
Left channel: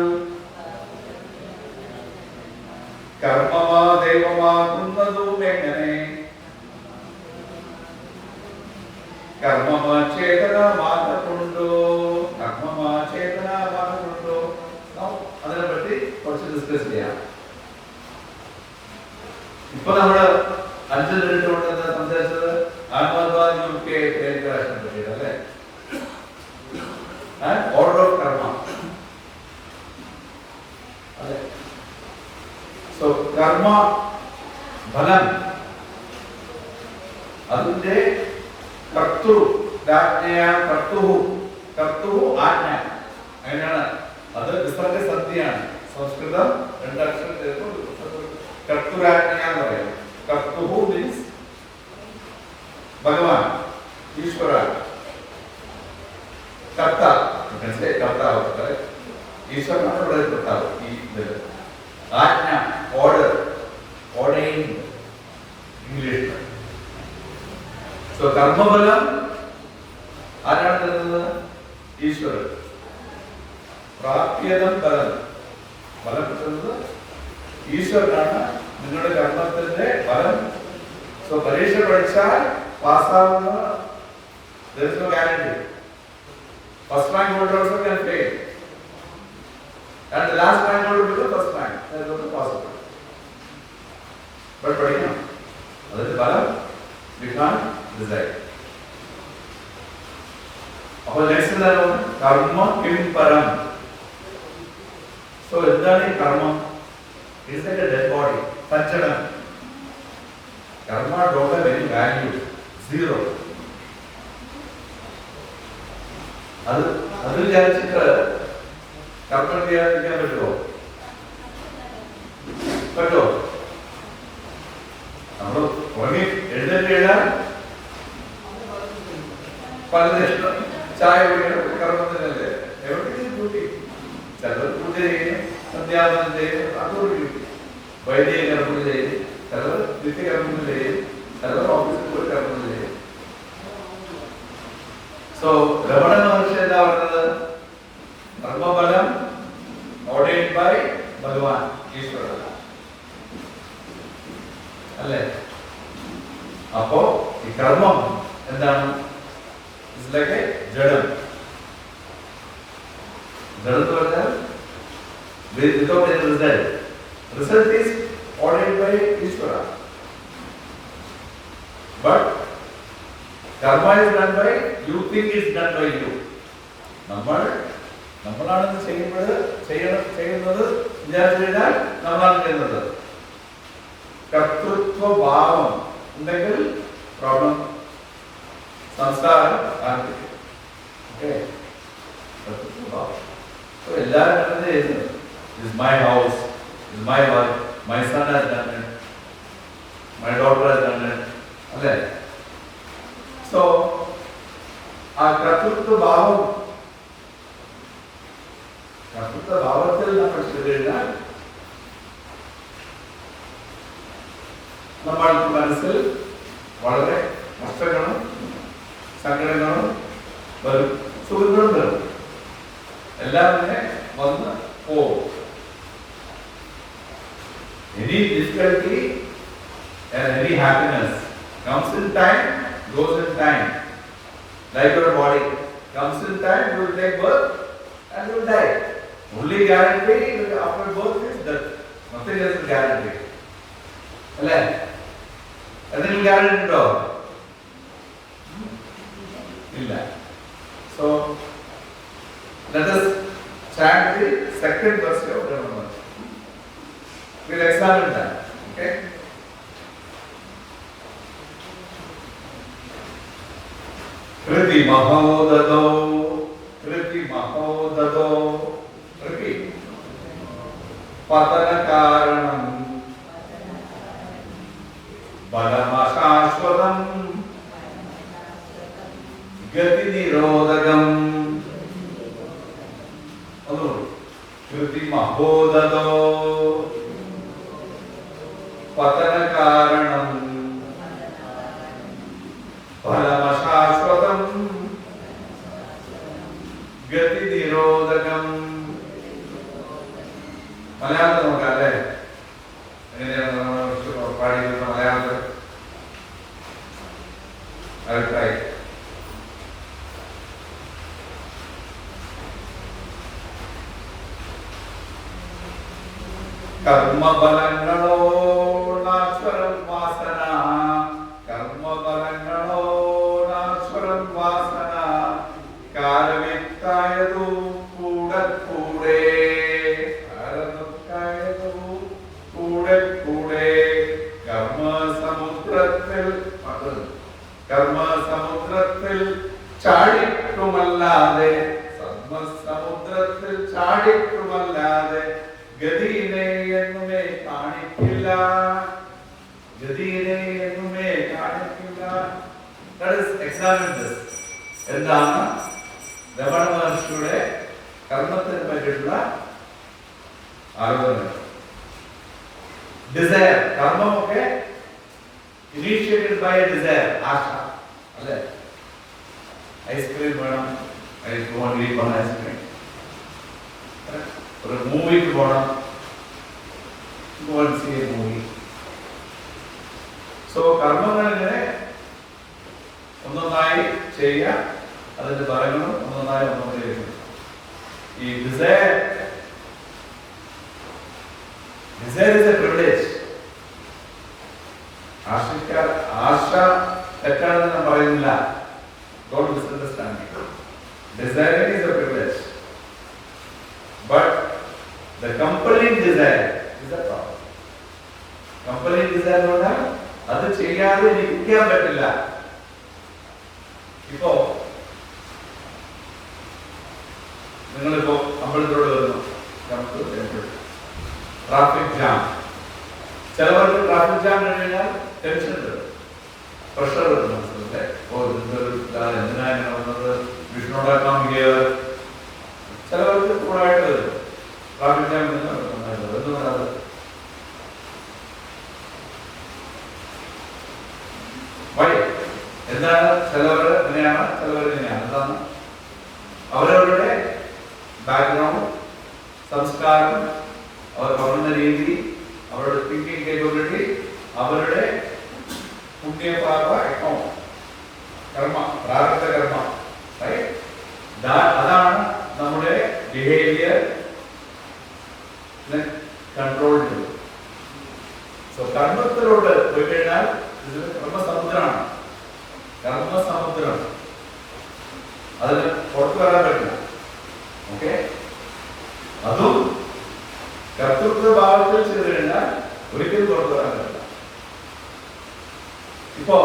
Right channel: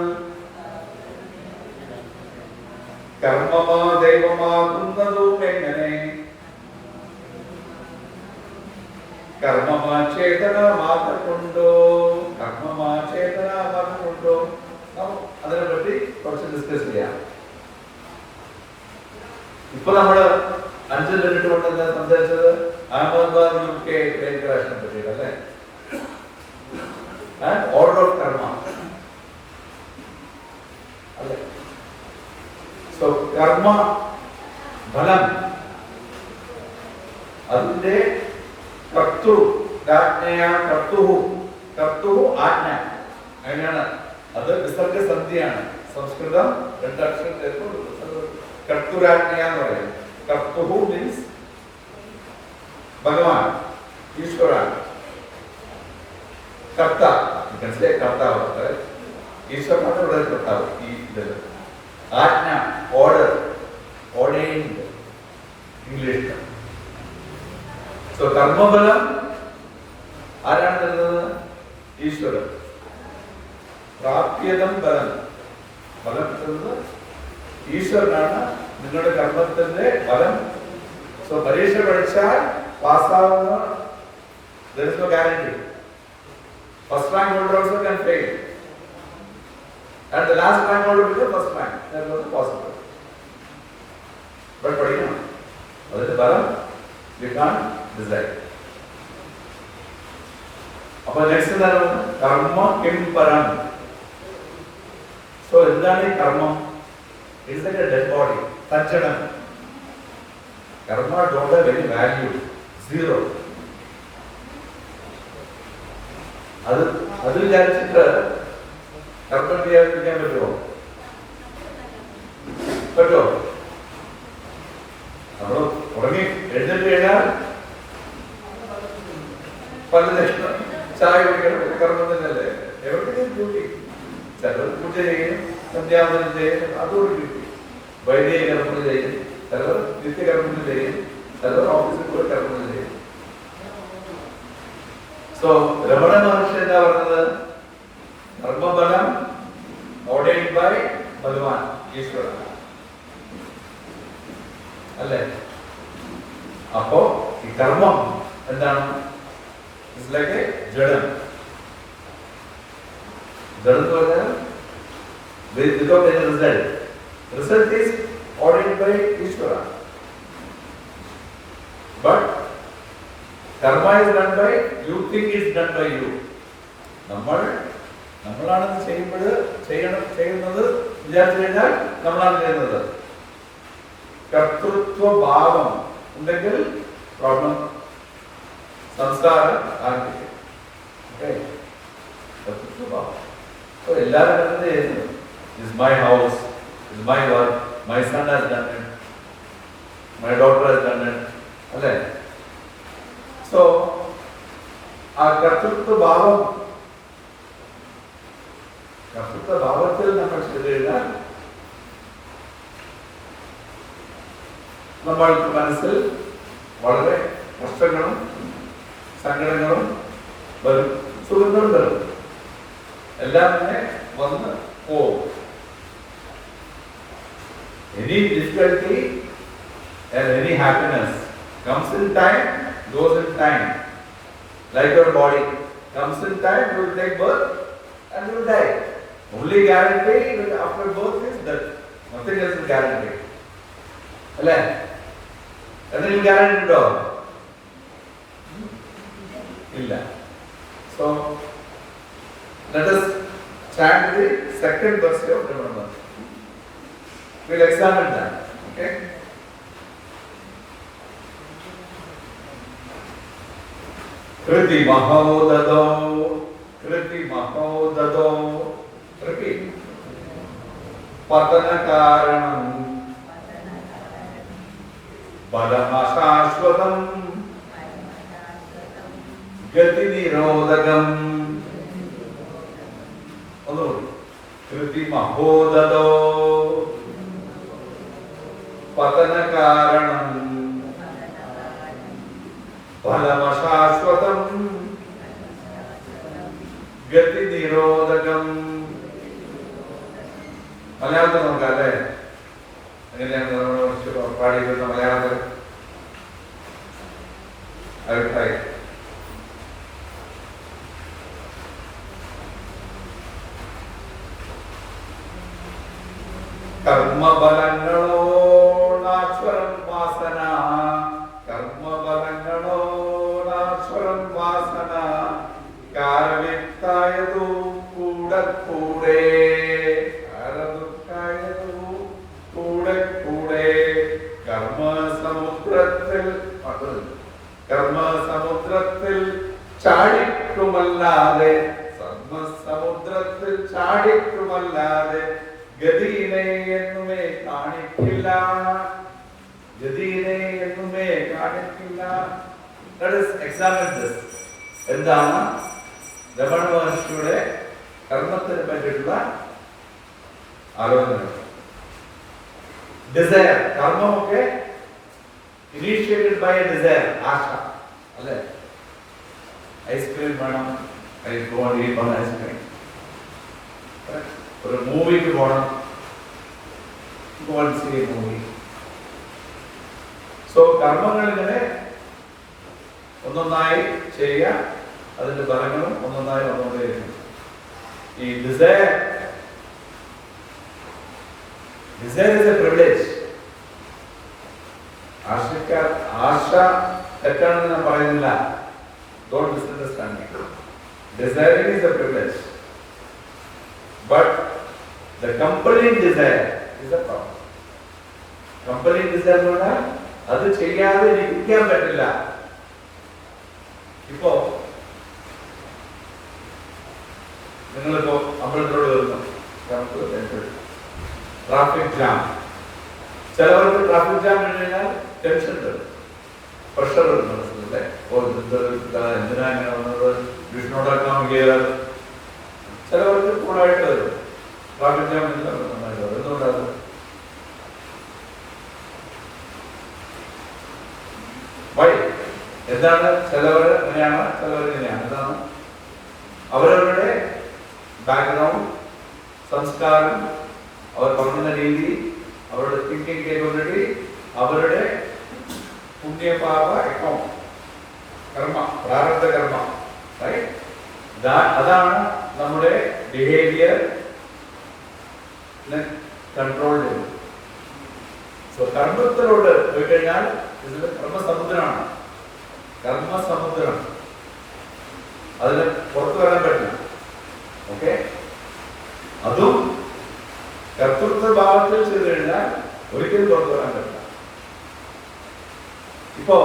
കർമ്മമാ ദൈവമാകുന്നതും എങ്ങനെ? കർമ്മമാ ചേതന മാത്രമുണ്ടോ? കർമ്മമാ ചേതന മാത്രമുണ്ടോ? അതിനെ പറ്റി കുറച്ച് ഡിസ്കസ് ചെയ്യാം. ഇപ്പൊ നമ്മള് 5 മിനിറ്റ് കൊണ്ട് സംസാരിച്ചത് അഹമ്മദാബാദ് UK ട്രെയിൻ ക്രാഷിനെ പറ്റിയാണ് അല്ലേ? ഓർഡർ ഓഫ് കർമ്മ അല്ലേ? സോ കർമ്മ ഫലം അതിന്റെ കർത്തൃ ആജ്ഞ അങ്ങനെയാണ്. അത് വിസർഗസന്ധിയാണ്. സംസ്കൃതം 2 അക്ഷരം ചേർത്ത് കർത്തൃരാജ്ഞ എന്ന് പറയും. കർത്തൃ മീൻസ് ഭഗവാൻ, ഈശ്വര. കർത്താവ് ഈശ്വരനാണ് ഇവിടെ കർത്താവ്. ഈ ഇതിൽ ആജ്ഞ, ഓർഡർ, ഓർഡൈൻഡ് ഇംഗ്ലീഷ്. സോ കർമ്മഫലം ആരാണ് തരുന്നത്? ഈശ്വരൻ. പ്രാപ്യതം ഫലം, ഫലം കിട്ടുന്നത് ഈശ്വരനാണ്. നിങ്ങളുടെ കർമ്മത്തിന്റെ ഫലം. സോ പരീക്ഷ പഠിച്ചാൽ പാസ്സാവുന്ന there is no guarantee. First rank holder also can fail, and the last rank holder will become first rank. That is also possible. But പഠിക്കണം, അതിന്റെ ഫലം we can't decide. അപ്പോൾ നെക്സ്റ്റ് എന്താണ്? കർമ്മ കിം പരം. സോ എന്താണ് ഈ കർമ്മം? It's like a dead body. തജ്ജഡം. കർമ്മ don't have any value. Zero. അത് വിചാരിച്ചിട്ട് കർമ്മം ചെയ്യാതിരിക്കാൻ പറ്റുമോ? നമ്മൾ ഉറങ്ങി എഴുന്നേറ്റ് കഴിഞ്ഞാൽ പലതരം ചായ കുടിക്കണം, കർമ്മം തന്നെയല്ലേ? എവിടെയും ഡ്യൂട്ടി. ചിലർ പൂജ ചെയ്യും, സന്ധ്യാവനം ചെയ്യും, അതോട് ഡ്യൂട്ടി. വൈദിക കർമ്മം ചെയ്യും, ചിലർ നിത്യകർമ്മം ചെയ്യും, ചിലർ ഓഫീസിൽ പോയി കർമ്മം ചെയ്യും. സോ രമണ മഹർഷി എന്താ പറഞ്ഞത്? കർമ്മഫലം ഓർഡൈൻഡ് ബൈ ഭഗവാൻ, ഈശ്വരൻ അല്ലേ? അപ്പോ ഈ കർമ്മം എന്താണ്? ഇറ്റ്സ് ലൈക്ക് എ ജഡം. ജഡം എന്ന് പറഞ്ഞാൽ without any result. Result is ordained by Ishvara. But karma is done by you think it's done by you. നമ്മളാണ് ചെയ്യുന്നത് വിചാരിച്ചു കഴിഞ്ഞാൽ നമ്മളാണ് ചെയ്യുന്നത്. കർത്തൃത്വ ഭാവം ഉണ്ടെങ്കിൽ പ്രോബ്ലം സംസ്കാരം ആരംഭിക്കും. കർത്തൃത്വ ഭാവം എല്ലാവരും ചെയ്യുന്നത്. This is my house, this is my work, my son has done it, my daughter has done it. അല്ലേ? സോ ആ കർത്തൃത്വ ഭാവത്തിൽ നമ്മൾ ചെയ്താൽ നമ്മൾക്ക് മനസ്സിൽ വളരെ കഷ്ടങ്ങളും സങ്കടങ്ങളും വരും, സുഖങ്ങളും വരും, എല്ലാം തന്നെ വന്ന് പോകും. Any difficulty and any happiness comes in time, goes in time. Like your body comes in time, you will take birth and you will die. Only guarantee after birth is death. Nothing else is guaranteed. അല്ലേ? എന്തെങ്കിലും guarantee ഉണ്ടോ? ഇല്ല. So let us chant the second verse of Brahma. We'll examine that. Okay? Kriti Mahodado. Repeat. Patana Karanam. Balamasashwadam. Gati Nirodhagam. Kriti Mahodado. Patana Karanam. Balamasashwadam. Gati Nirodhagam. മലയാളത്തിൽ നോക്കാം അല്ലേ? എങ്ങനെയാണ് നമ്മൾ പാടിയിരുന്ന മലയാളത്തിൽ? അഭിപ്രായം കർമ്മബലങ്ങളോ നാശ്വരം വാസന, കർമ്മബലങ്ങളോ നാശ്വരം വാസന, കാലവ്യക്തായതു കൂടെ കൂടെ, കർമ്മസമുദ്രത്തിൽ ചാടിക്കുമല്ലാതെ, സമുദ്രത്തിൽ ചാടിക്കുമല്ലാതെ ഗതിയിനെ എന്നുമേ കാണിക്കില്ല, ഗതിയിനെ എന്നുമേ കാണിക്കില്ല. Let us examine this. എന്താണ് രമണ മഹർഷിയുടെ കർമ്മത്തിനെ പറ്റിയിട്ടുള്ള ആലോചന? ഡിസയർ, കർമ്മമൊക്കെ initiated by a desire, ആശ അല്ലേ? ഐസ്ക്രീം വേണം, ഐസ്ക്രീം, ഒരു മൂവിക്ക് പോകണം, മൂവി. സോ കർമ്മങ്ങളിങ്ങനെ ഒന്നൊന്നായി ചെയ്യുക, അതിന്റെ ഫലങ്ങളും ഒന്നൊന്നായി ഈ ഡിസയർ is a privilege. ആശ തെറ്റാണെന്ന് ഞാൻ പറയുന്നില്ല. Don't misunderstand me. Desiring is a privilege, but the compelling desire is a problem. Compelling desire എന്ന് പറഞ്ഞാൽ അത് ചെയ്യാതെ ഇരിക്കാൻ പറ്റില്ല. ഇപ്പോ നിങ്ങളിപ്പോ അമ്പലത്തിലോട് വരുന്നു, ട്രാഫിക് ജാം. ചിലവർക്ക് ട്രാഫിക് ജാം കഴിഞ്ഞാൽ ടെൻഷൻ വരും, പ്രഷർ വരും മനസ്സിലല്ലേ. എന്തിനാ ഇങ്ങനെ വന്നത്, വിഷ്ണുണ്ടാക്കാൻ ഗിയർ. ചിലവർക്ക് കൂടായിട്ട് വരും ട്രാഫിക് ജാം എന്തുകൊണ്ടാണ്? വഴി എന്താണ്? ചിലവർ അങ്ങനെയാണ്, ചിലവർ ഇങ്ങനെയാണ്. എന്താണ് അവരവരുടെ ബാക്ക്ഗ്രൗണ്ട്, സംസ്കാരം, അവർ പഠന രീതി, അവരുടെ തിങ്കിങ് കേപ്പബിലിറ്റി, അവരുടെ പുണ്യപാപ അക്കൗണ്ട്, കർമ്മ, പ്രാരബ്ധ കർമ്മ, അതാണ് നമ്മുടെ ബിഹേവിയർ കൺട്രോൾ ചെയ്യുന്നത്. സോ കർമ്മത്തിലോട്ട് പോയി കഴിഞ്ഞാൽ ഇത് കർമ്മസമുദ്രമാണ്, കർമ്മസമുദ്രം. അതിന് പുറത്തു വരാൻ പറ്റില്ല. ഓക്കെ, അതും കർത്തൃത്വ ഭാവത്തിൽ ചെയ്തു കഴിഞ്ഞാൽ ഒരിക്കലും പുറത്തു വരാൻ പറ്റില്ല. ഇപ്പോ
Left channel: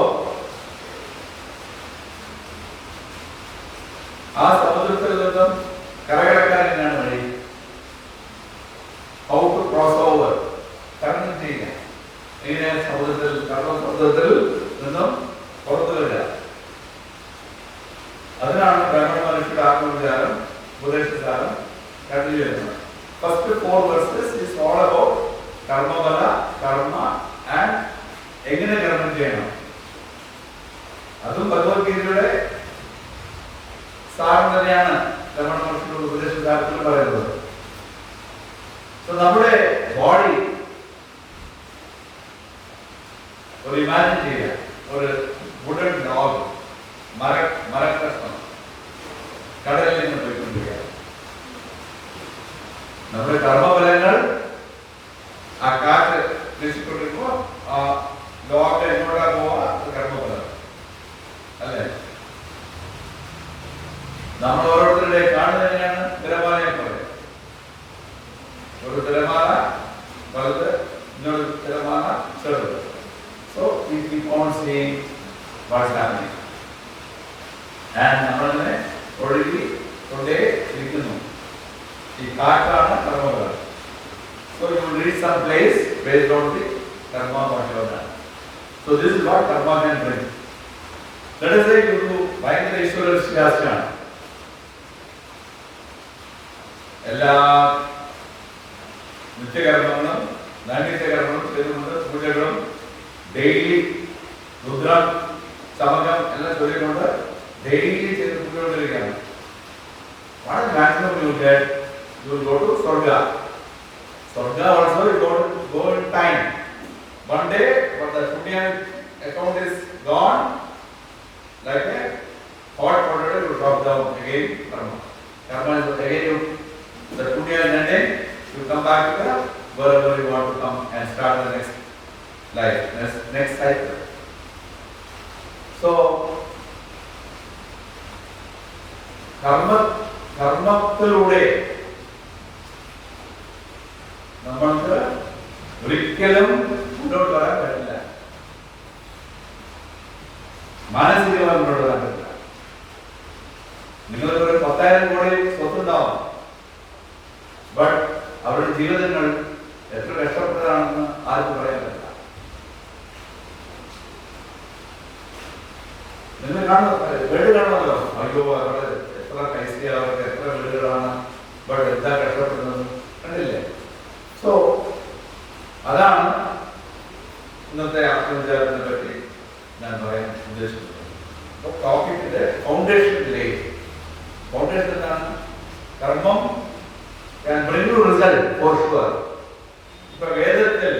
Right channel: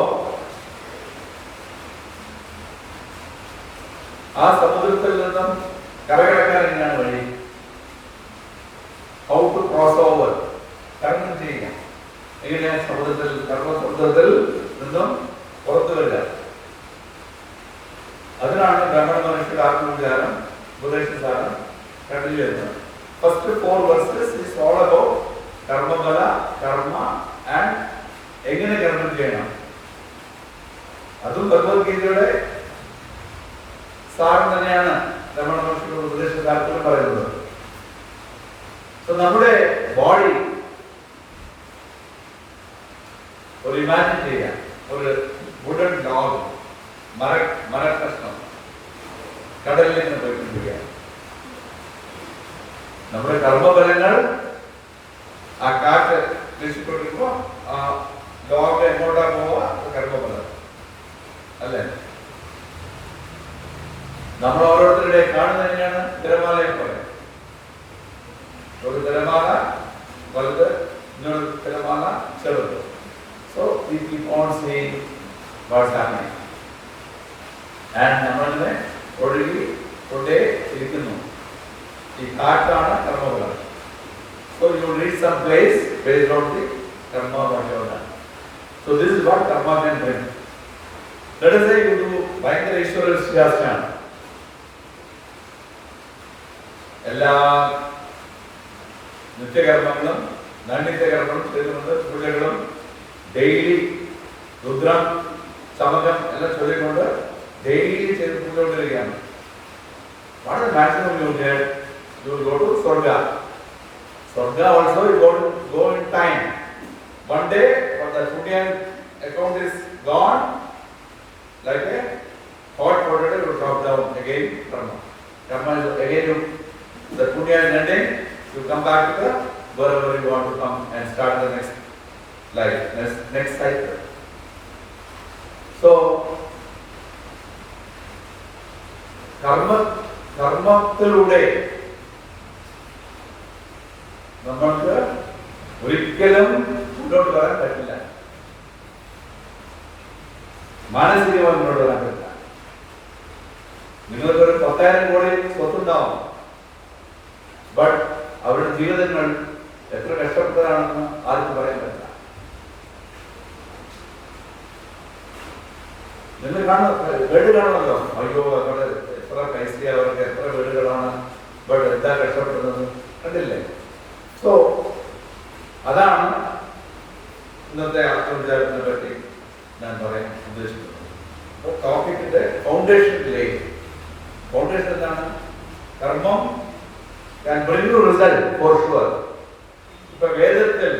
ആ സമുദ്രത്തിൽ നിന്നും കരകടക്കാൻ എന്നാണ് വഴി? ഹൗ ടു ക്രോസ് ഓവർ, തരണം ചെയ്യുക. എങ്ങനെയാ സമുദ്രത്തിൽ, കർമ്മസമുദ്രത്തിൽ നിന്നും പുറത്തു വരിക? അതിനാണ് ബ്രാഹ്മണ മനുഷ്യരുടെ ആത്മവിചാരം ഉപദേശിച്ചാലും കണ്ടിന്യൂ ചെയ്യുന്നത്. First 4 verses is all about കർമ്മബല, കർമ്മ ആൻഡ് എങ്ങനെ കർമ്മം ചെയ്യണം. അതും ഭഗവത്ഗീതയുടെ സാരം തന്നെയാണ് ബ്രാഹ്മണ മനുഷ്യരുടെ ഉപദേശകാലത്തിൽ പറയുന്നത്. നമ്മുടെ ബോഡി ഒരു ഇമാജിൻ ചെയ്യാം, ഒരു വുഡൻ ഡോഗ്, മരക്കഷ്ണം കടലിൽ നിന്ന് പോയിക്കൊണ്ടിരിക്കുക. നമ്മുടെ കർമ്മഫലങ്ങൾ ആ കാറ്റ് വീശിക്കൊണ്ടിരിക്കുമ്പോൾ ആ what's happening. And നമ്മളെ ഒഴുകി കൊണ്ടേ ഇരിക്കുന്നു. ഈ കാറ്റാണ് കർമ്മഫലം. So you will reach some place based on the karma what you have done. So this is what karma can bring. Let us say you do ഭയങ്കര ഈശ്വര വിശ്വാസിയാണ്. എല്ലാ നിത്യകർമ്മങ്ങളും നൈമിത്യകർമ്മങ്ങളും ചെയ്തുകൊണ്ട് പൂജകളും ഡെയിലി രുദ്രം സമകം എല്ലാം ചൊല്ലിക്കൊണ്ട് ഡെയിലി ചെയ്ത് പൂജകൊണ്ടിരിക്കുകയാണ്. വളരെ maximum you get, you will go to Swarga. Swarga also you go in time. One day when the Punyan account is gone, like a hot potato will drop down again. Karma is again you, the Punyan is ending, you come back to the wherever you want to come and start the next life, next cycle. So കർമ്മത്തിലൂടെ നമ്മൾക്ക് ഒരിക്കലും മുന്നോട്ട് വരാൻ പറ്റില്ല. മാനസികമായി മുന്നോട്ട് വരാൻ പറ്റില്ല. നിങ്ങൾക്ക് ഒരു 10,000 കോടി സ്വത്തുണ്ടാവും, ബട്ട് അവരുടെ ജീവിതങ്ങൾ എത്ര കഷ്ടപ്പെട്ടതാണെന്ന് ആർക്കും പറയാൻ പറ്റില്ല. നിങ്ങൾ കാണുന്ന വീട് കാണുമല്ലോ, അയ്യോ അവരുടെ എത്ര പൈസ, അവർക്ക് എത്ര വീടുകളാണ്, ബട്ട് എന്താ കഷ്ടപ്പെടുന്നത് കണ്ടില്ലേ? സോ അതാണ് ഇന്നത്തെ ആത്മവിചാരത്തിനെ പറ്റി ഞാൻ പറയാൻ ഉദ്ദേശിക്കുന്നത്. ടോപ്പിക്കിന്റെ ഫൗണ്ടേഷനിലേക്ക്, ഫൗണ്ടേഷൻ എന്താണ്? കർമ്മം can bring you result for sure. ഇപ്പൊ വേദത്തിൽ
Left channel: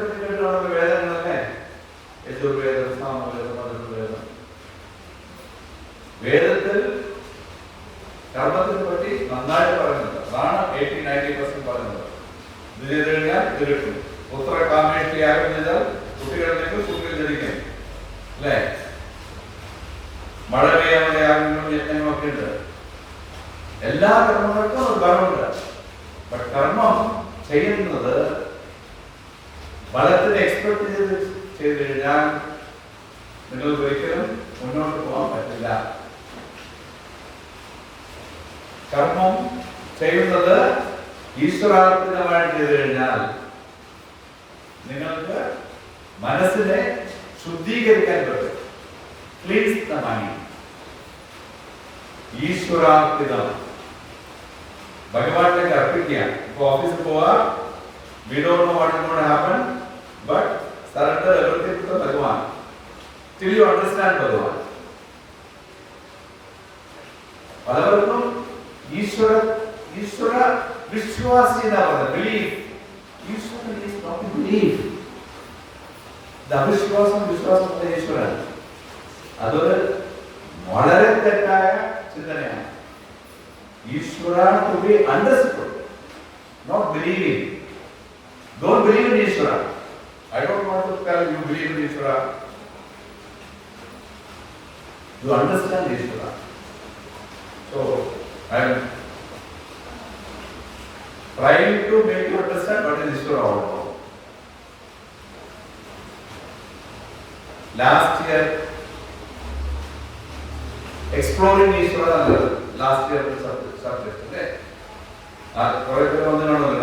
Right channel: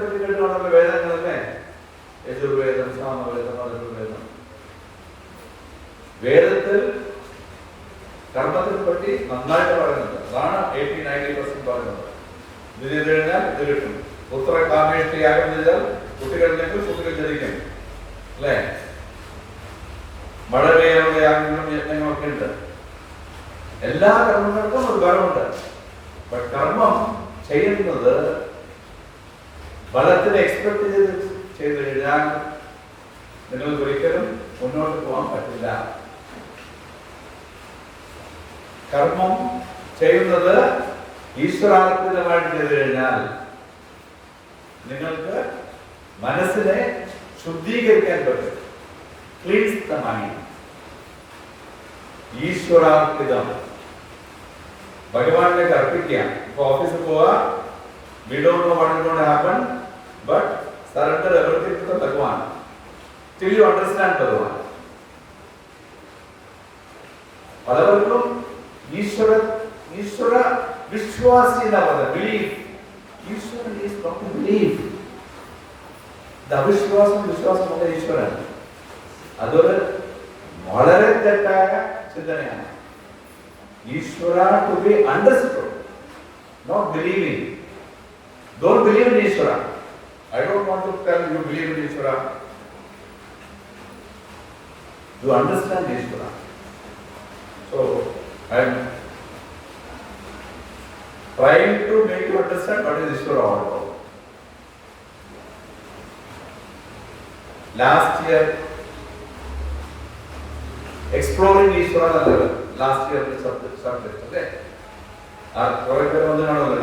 പറ്റി കേട്ടാണല്ലോ, വേദങ്ങളല്ലേ, യജുർവേദം, സാമവേദം, അഥർവവേദം. വേദത്തിൽ കർമ്മത്തിനെ പറ്റി നന്നായിട്ട് പറയുന്നുണ്ട്. അതാണ് 80-90% പറയുന്നത്. ഇത് ചെയ്ത് കഴിഞ്ഞാൽ ഇത് കിട്ടും. പുത്ര കാമേഷ്ടിയാഗം ചെയ്താൽ കുട്ടികളിലേക്ക് കുട്ടികൾ ജനിക്കും, അല്ലേ? മഴ പെയ്യാനുള്ള യാഗങ്ങളും യജ്ഞങ്ങളും ഒക്കെ ഉണ്ട്. എല്ലാ കർമ്മങ്ങൾക്കും ഒരു ഫലമുണ്ട്. ബട്ട് കർമ്മം ചെയ്യുന്നത് ഫലത്തിന് എക്സ്പെക്ട് ചെയ്ത് കഴിഞ്ഞാൽ നിങ്ങൾക്ക് ഒരിക്കലും മുന്നോട്ട് പോകാൻ പറ്റില്ല. കർമ്മം ചെയ്യുന്നത് ഈശ്വരാർപ്പിതമായിട്ട് ചെയ്തു കഴിഞ്ഞാൽ നിങ്ങൾക്ക് മനസ്സിനെ ശുദ്ധീകരിക്കാൻ പറ്റും. Cleanse the mind. ഈശ്വരാർപ്പിതം ഭഗവാനിലേക്ക് അർപ്പിക്കുക. ഇപ്പൊ ഓഫീസിൽ പോവാ, we don't know what is going to happen, but surrender everything to Bhagwan till you understand Bhagwan. പലവർക്കും ഈശ്വര വിശ്വാസി എന്നാ പറയുന്നത്, ബിലീഫ്. ഈശ്വരൻ is not to believe. വിശ്വാസം ഈശ്വരൻ. അതൊരു വളരെ തെറ്റായ ചിന്തനയാണ്. ഈശ്വര to be understood, not believing. Don't believe in Ishvara. I don't want to tell you believe in Ishvara. You understand Ishvara. So I am trying to make you understand what is Ishvara all about. Last year, exploring Ishvara, last year subject. Okay.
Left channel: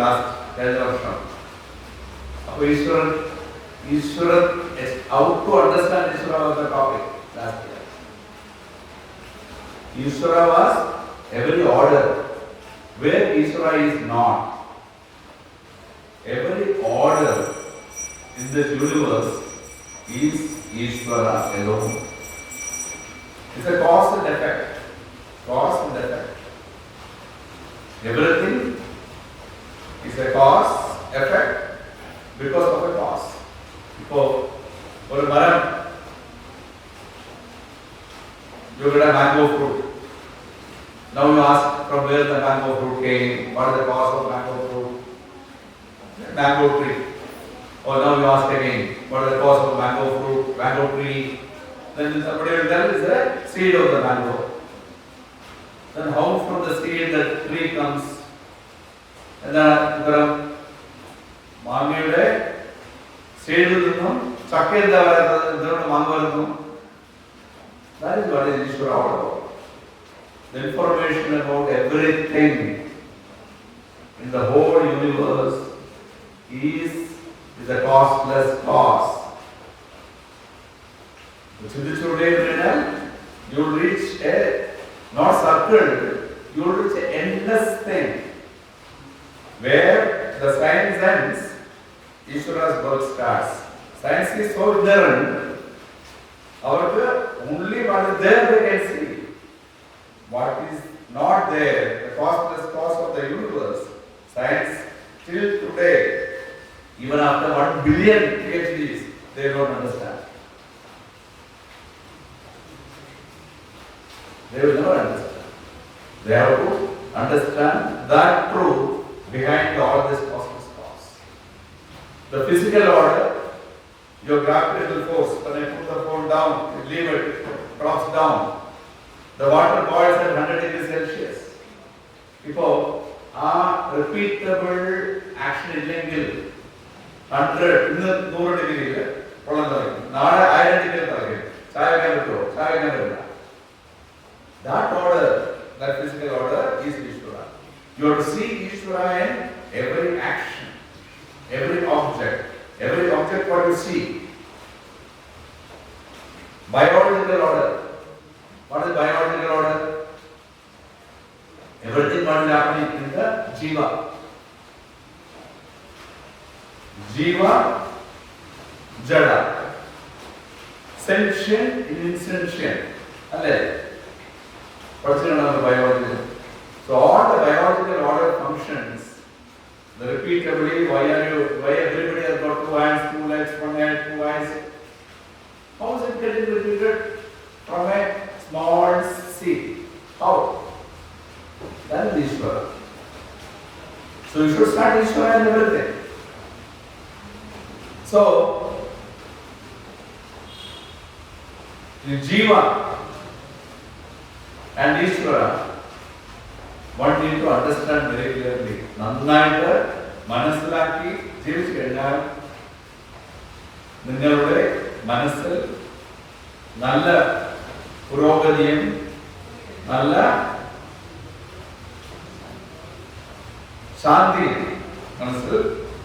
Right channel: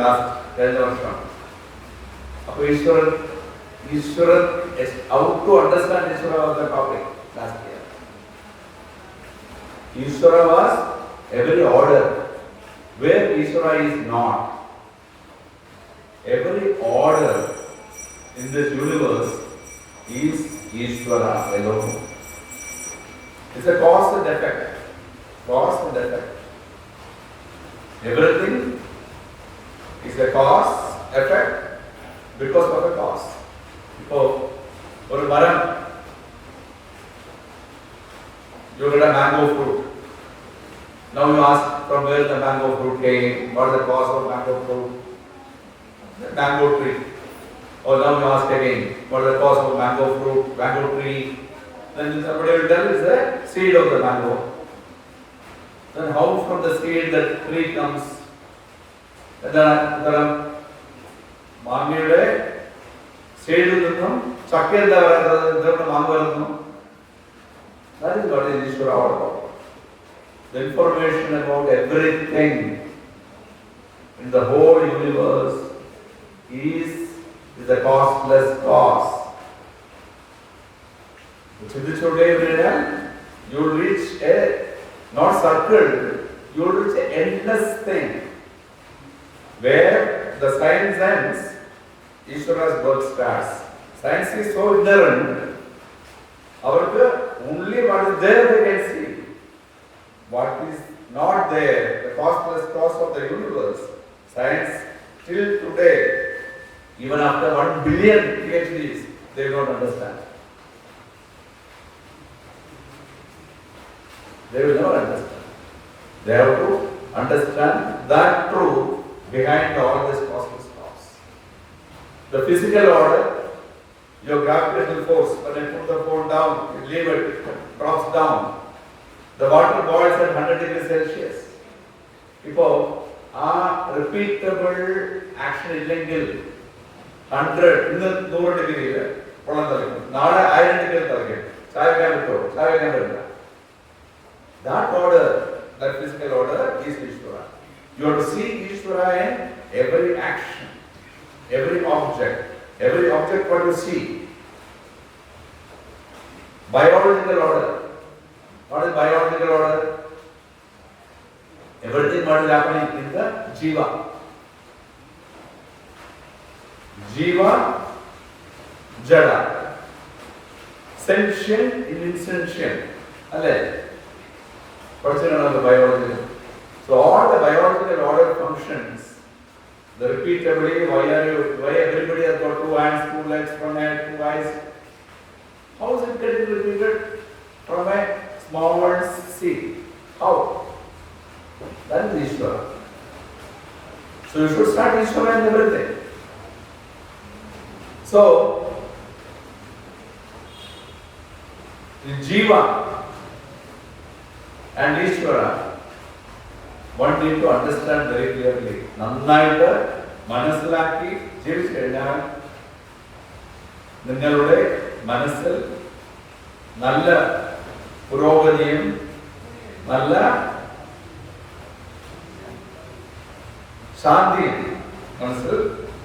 Last 10 years. Ishvara is how to understand Ishvara was the topic last year. Ishvara was every order where Ishvara is not. Every order in this universe is Ishvara alone. It's a cause and effect. Cause and effect. Everything is a cause, effect, because of a cause. So, for a maram, you get a mango fruit. Now you ask from where the mango fruit came, what is the cause of mango fruit? Mango tree. Or now you ask again, what is the cause of mango fruit, mango tree? Then somebody will tell is the seed of the mango. Then how from the seed the tree comes? And then മാങ്ങയുടെ സീഡിൽ നിന്നും ചക്ക എന്താ പറയുന്നത്, എന്താണ് മാങ്ങ വരുന്നു? That is what is Ishvara all about. The information about everything in the whole universe is a costless cause. You will reach a not circle, you will reach an endless thing where the science ends, Ishvara's work starts. Science is so ignorant, only what is there they can see. What is not there, the costless cause of the universe, science till today, even after 1 billion PhDs, they don't understand. They will never understand. They have to understand that truth behind all this cosmos cause. The physical order, your gravitational force, when I put the phone down, you leave it, drops down. The water boils at 100 degrees Celsius. ഇപ്പോൾ ആ repeatable action ഇല്ലെങ്കിൽ 100 ഇന്ന് 100 ഡിഗ്രിയിൽ വെള്ളം തിളയ്ക്കും, നാളെ 1000 ഡിഗ്രിയിൽ തിളയ്ക്കും. ചായ വെക്കാൻ പറ്റുമോ? ചായ വെക്കാൻ പറ്റില്ല. That order, that physical order is Ishvara. You have to see Ishvara in every action, every object what you see. Biological order. What is biological order? Everything what is happening in the Jiva. Jiva, Jada. Sentient in insentient. The biological. So all the biological order functions, the repeatably, why everybody has got 2 hands, 2 legs, 1 hand, 2 eyes? How is it getting repeated from a small seed? How? That is Ishvara. So you should start Ishvara in everything. So the Jiva and Ishvara, one need to understand very clearly. നന്നായിട്ട് മനസ്സിലാക്കി ജീവിച്ചു കഴിഞ്ഞാൽ നിങ്ങളുടെ മനസ്സിൽ നല്ല പുരോഗതിയും നല്ല ശാന്തിയും മനസ്സിൽ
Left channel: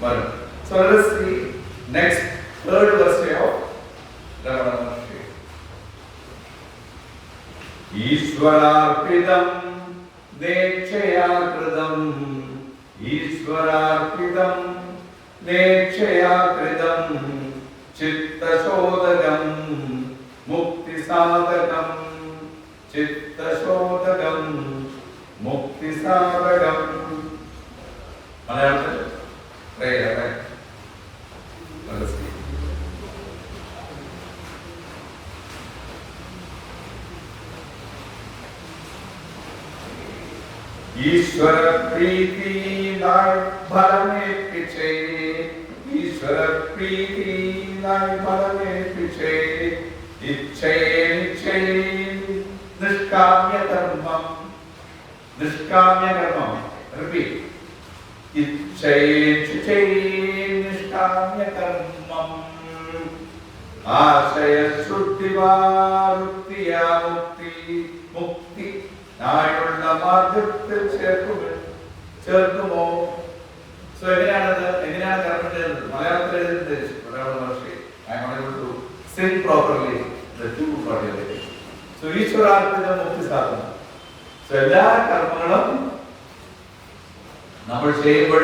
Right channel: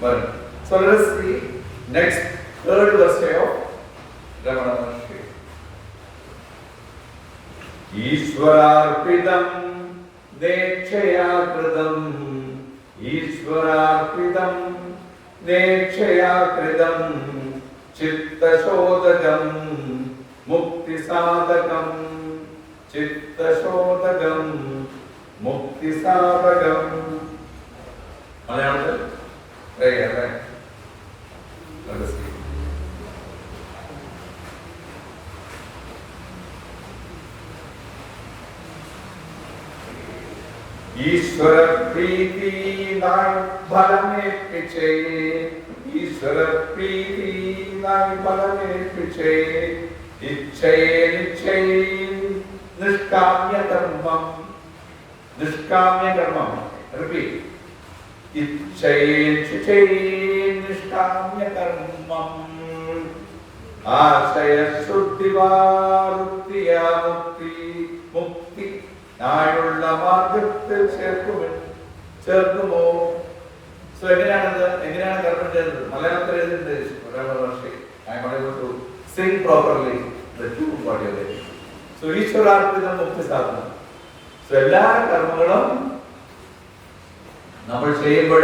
വരും. So let us see next third verse of Ramana Maharshi. Ishvararpidam dekshaya kridam, Ishvararpidam dekshaya kridam, chitta shodagam, mukti sadagam, chitta shodagam, mukti sadagam. Malayalam? Right. Let us see. ईश्वर प्रीति नाय फल में पीछे, ईश्वर प्रीति नाय फल में पीछे, इच्छे निष्काम्य कर्मम, repeat, इच्छे निष्काम्य कर्मम, आशय शुद्धिवारुत्तिया मुक्ति നായുള്ള മാർഗത്തിൽ ചേർക്കുമോ? സോ എങ്ങനെയാണ് കർമ്മം ചെയ്യുന്നത്? മലയാളത്തിൽ എഴുതുന്നത് മലയാള ഭാഷ. I am able to sing properly the two audio. So ഈശ്വരാർപ്പിതം മുക്തി സാധനം. സോ എല്ലാ കർമ്മങ്ങളും നമ്മൾ ചെയ്യുമ്പോൾ